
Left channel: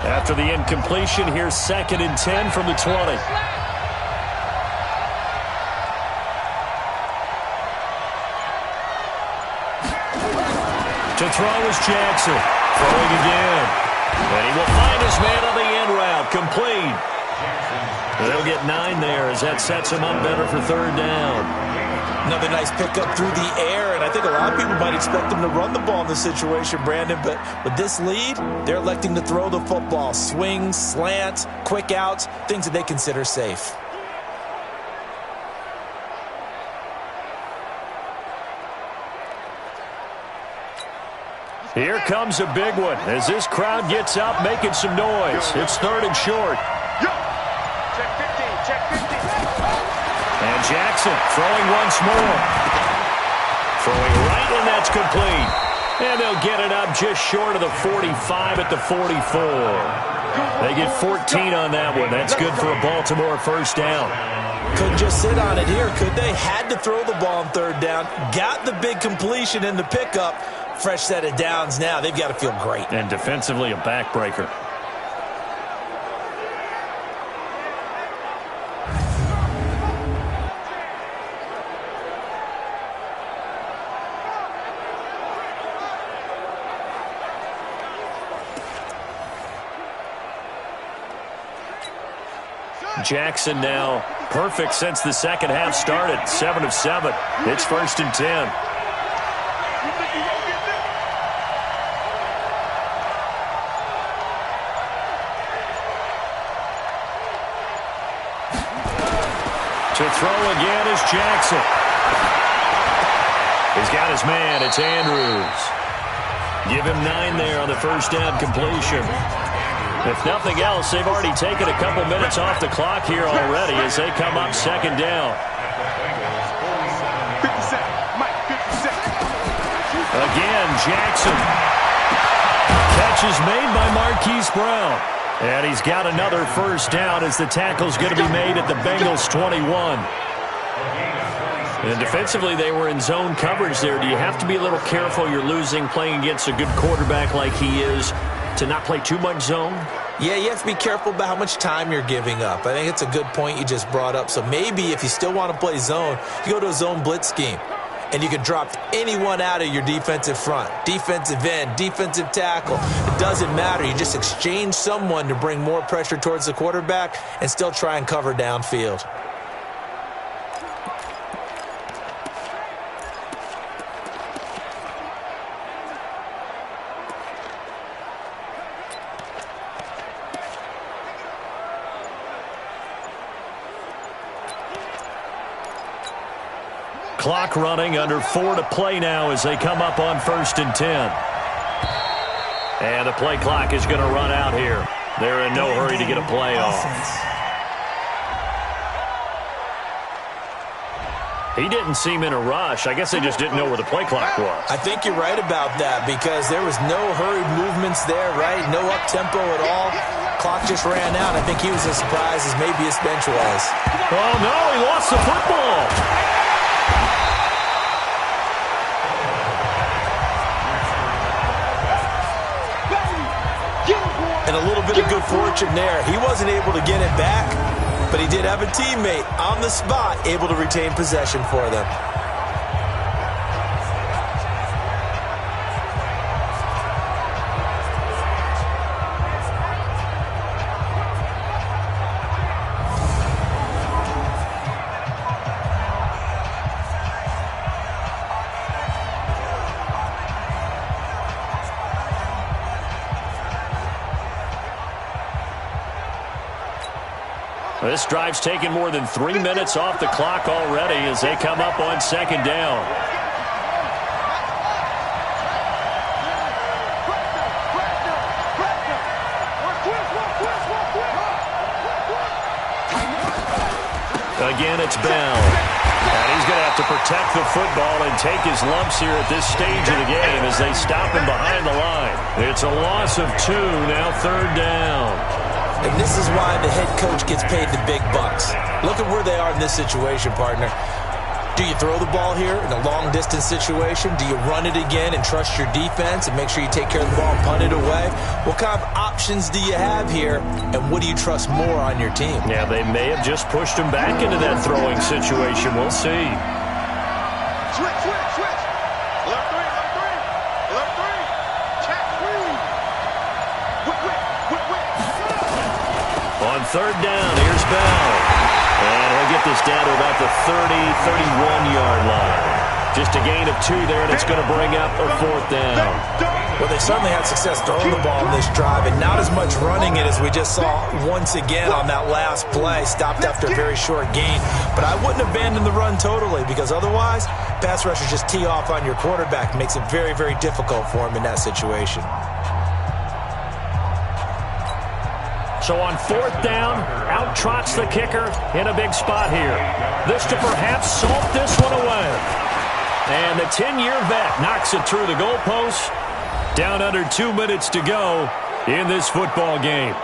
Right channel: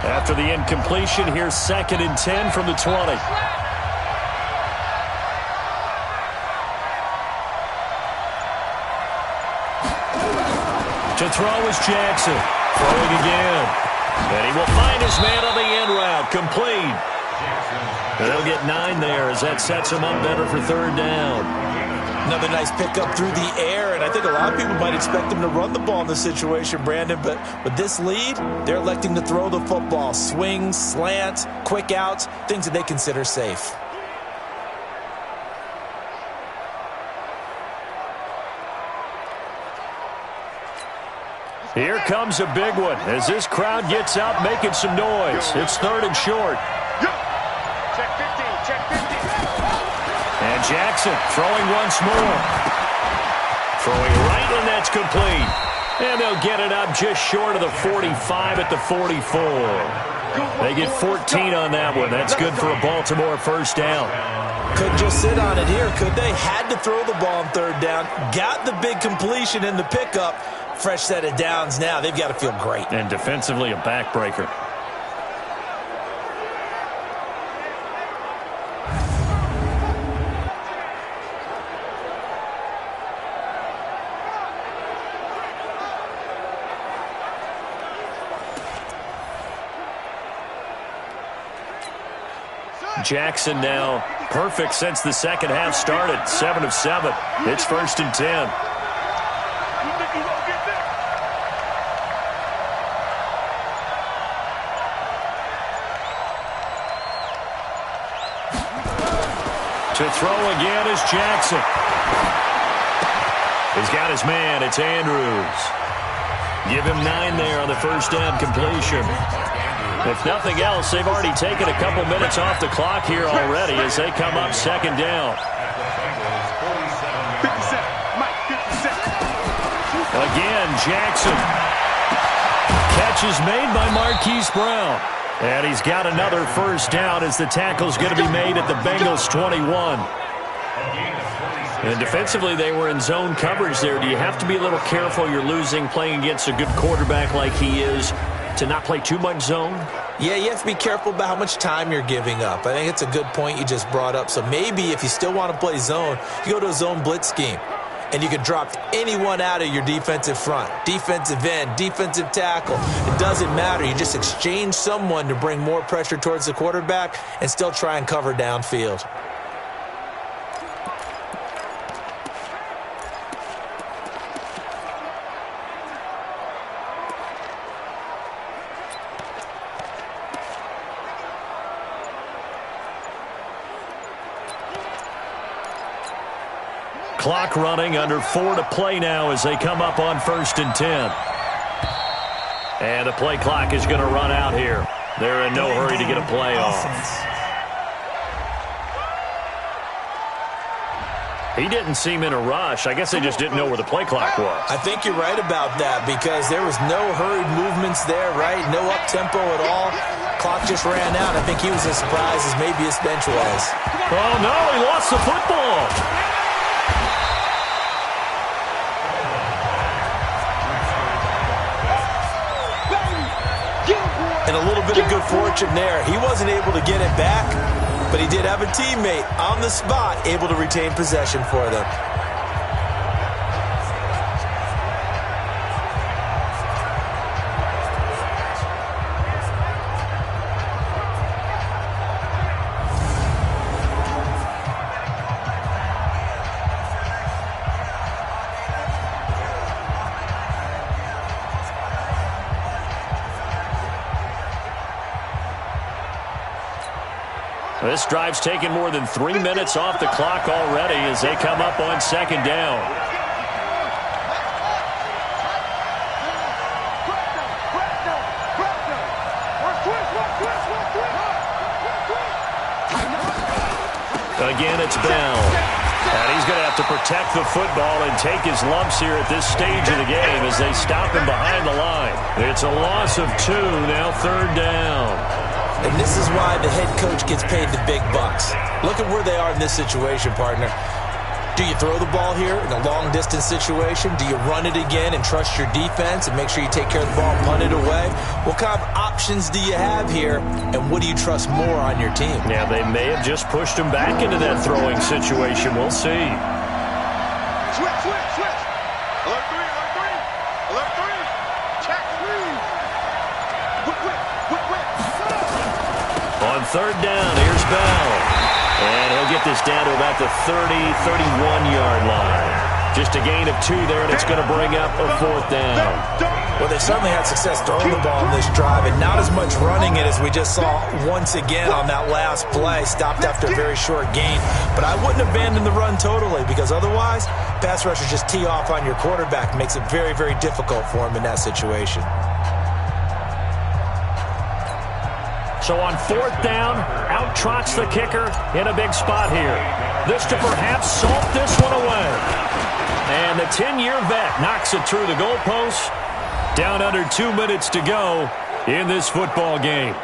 After the incompletion, here's 2nd and 10 from the 20. To throw is Jackson. Throwing again. And he will find his man on the in route. Complete. They'll get 9 there as that sets him up better for 3rd down. Another nice pickup through the air, and I think a lot of people might expect them to run the ball in this situation, Brandon, but with this lead, they're electing to throw the football. Swings, slants, quick outs, things that they consider safe. Here comes a big one as this crowd gets up making some noise. It's 3rd and short. Check 15, check 15. And Jackson throwing once more. Throwing right, and that's complete. And they'll get it up just short of the 45 at the 44. They get 14 on that one. That's good for a Baltimore 1st down. Couldn't just sit on it here, could they? Had to throw the ball on 3rd down. Got the big completion in the pickup. Fresh set of downs now. They've got to feel great. And defensively, a backbreaker. Jackson now perfect since the 2nd half started. 7 of 7. It's 1st and 10. To throw again is Jackson. He's got his man. It's Andrews. Give him 9 there on the 1st down completion. If nothing else, they've already taken a couple minutes off the clock here already as they come up 2nd down. 57, Mike, 57. Again, Jackson. Catch is made by Marquise Brown. And he's got another 1st down as the tackle's going to be made at the Bengals 21. And defensively, they were in zone coverage there. Do you have to be a little careful? You're losing playing against a good quarterback like he is to not play too much zone? Yeah, you have to be careful about how much time you're giving up. I think it's a good point you just brought up. So maybe if you still want to play zone, you go to a zone blitz scheme. And you can drop anyone out of your defensive front, defensive end, defensive tackle. It doesn't matter. You just exchange someone to bring more pressure towards the quarterback and still try and cover downfield. Clock running, under 4 to play now as they come up on 1st and 10. And the play clock is going to run out here. They're in no hurry to get a play off. He didn't seem in a rush. I guess they just didn't know where the play clock was. I think you're right about that because there was no hurried movements there, right? No up-tempo at all. Clock just ran out. I think he was as surprised as maybe his bench was. Oh, no, he lost the football. And a little bit of good fortune there. He wasn't able to get it back, but he did have a teammate on the spot able to retain possession for them. This drive's taken more than 3 minutes off the clock already as they come up on 2nd down. Again, it's Bell. And he's going to have to protect the football and take his lumps here at this stage of the game as they stop him behind the line. It's a loss of 2, now 3rd down. And this is why the head coach gets paid the big bucks. Look at where they are in this situation, partner. Do you throw the ball here in a long-distance situation? Do you run it again and trust your defense and make sure you take care of the ball and punt it away? What kind of options do you have here, and what do you trust more on your team? Yeah, they may have just pushed him back into that throwing situation. We'll see. Switch. Alert 3. Alert 3. Check 3. Whip. On 3rd down, here's Bell. And he'll get this down to about the 31-yard line. Just a gain of 2 there, and it's going to bring up a 4th down. Well, they certainly had success throwing the ball in this drive, and not as much running it as we just saw once again on that last play. Stopped after a very short gain. But I wouldn't abandon the run totally because otherwise, pass rushers just tee off on your quarterback. Makes it very, very difficult for him in that situation. So on 4th down, out trots the kicker in a big spot here. This to perhaps salt this one away. And the 10-year vet knocks it through the goalpost. Down under 2 minutes to go in this football game.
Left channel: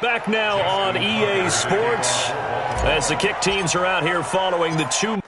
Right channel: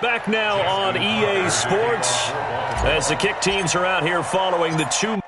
Back now on EA Sports as the kick teams are out here following the 2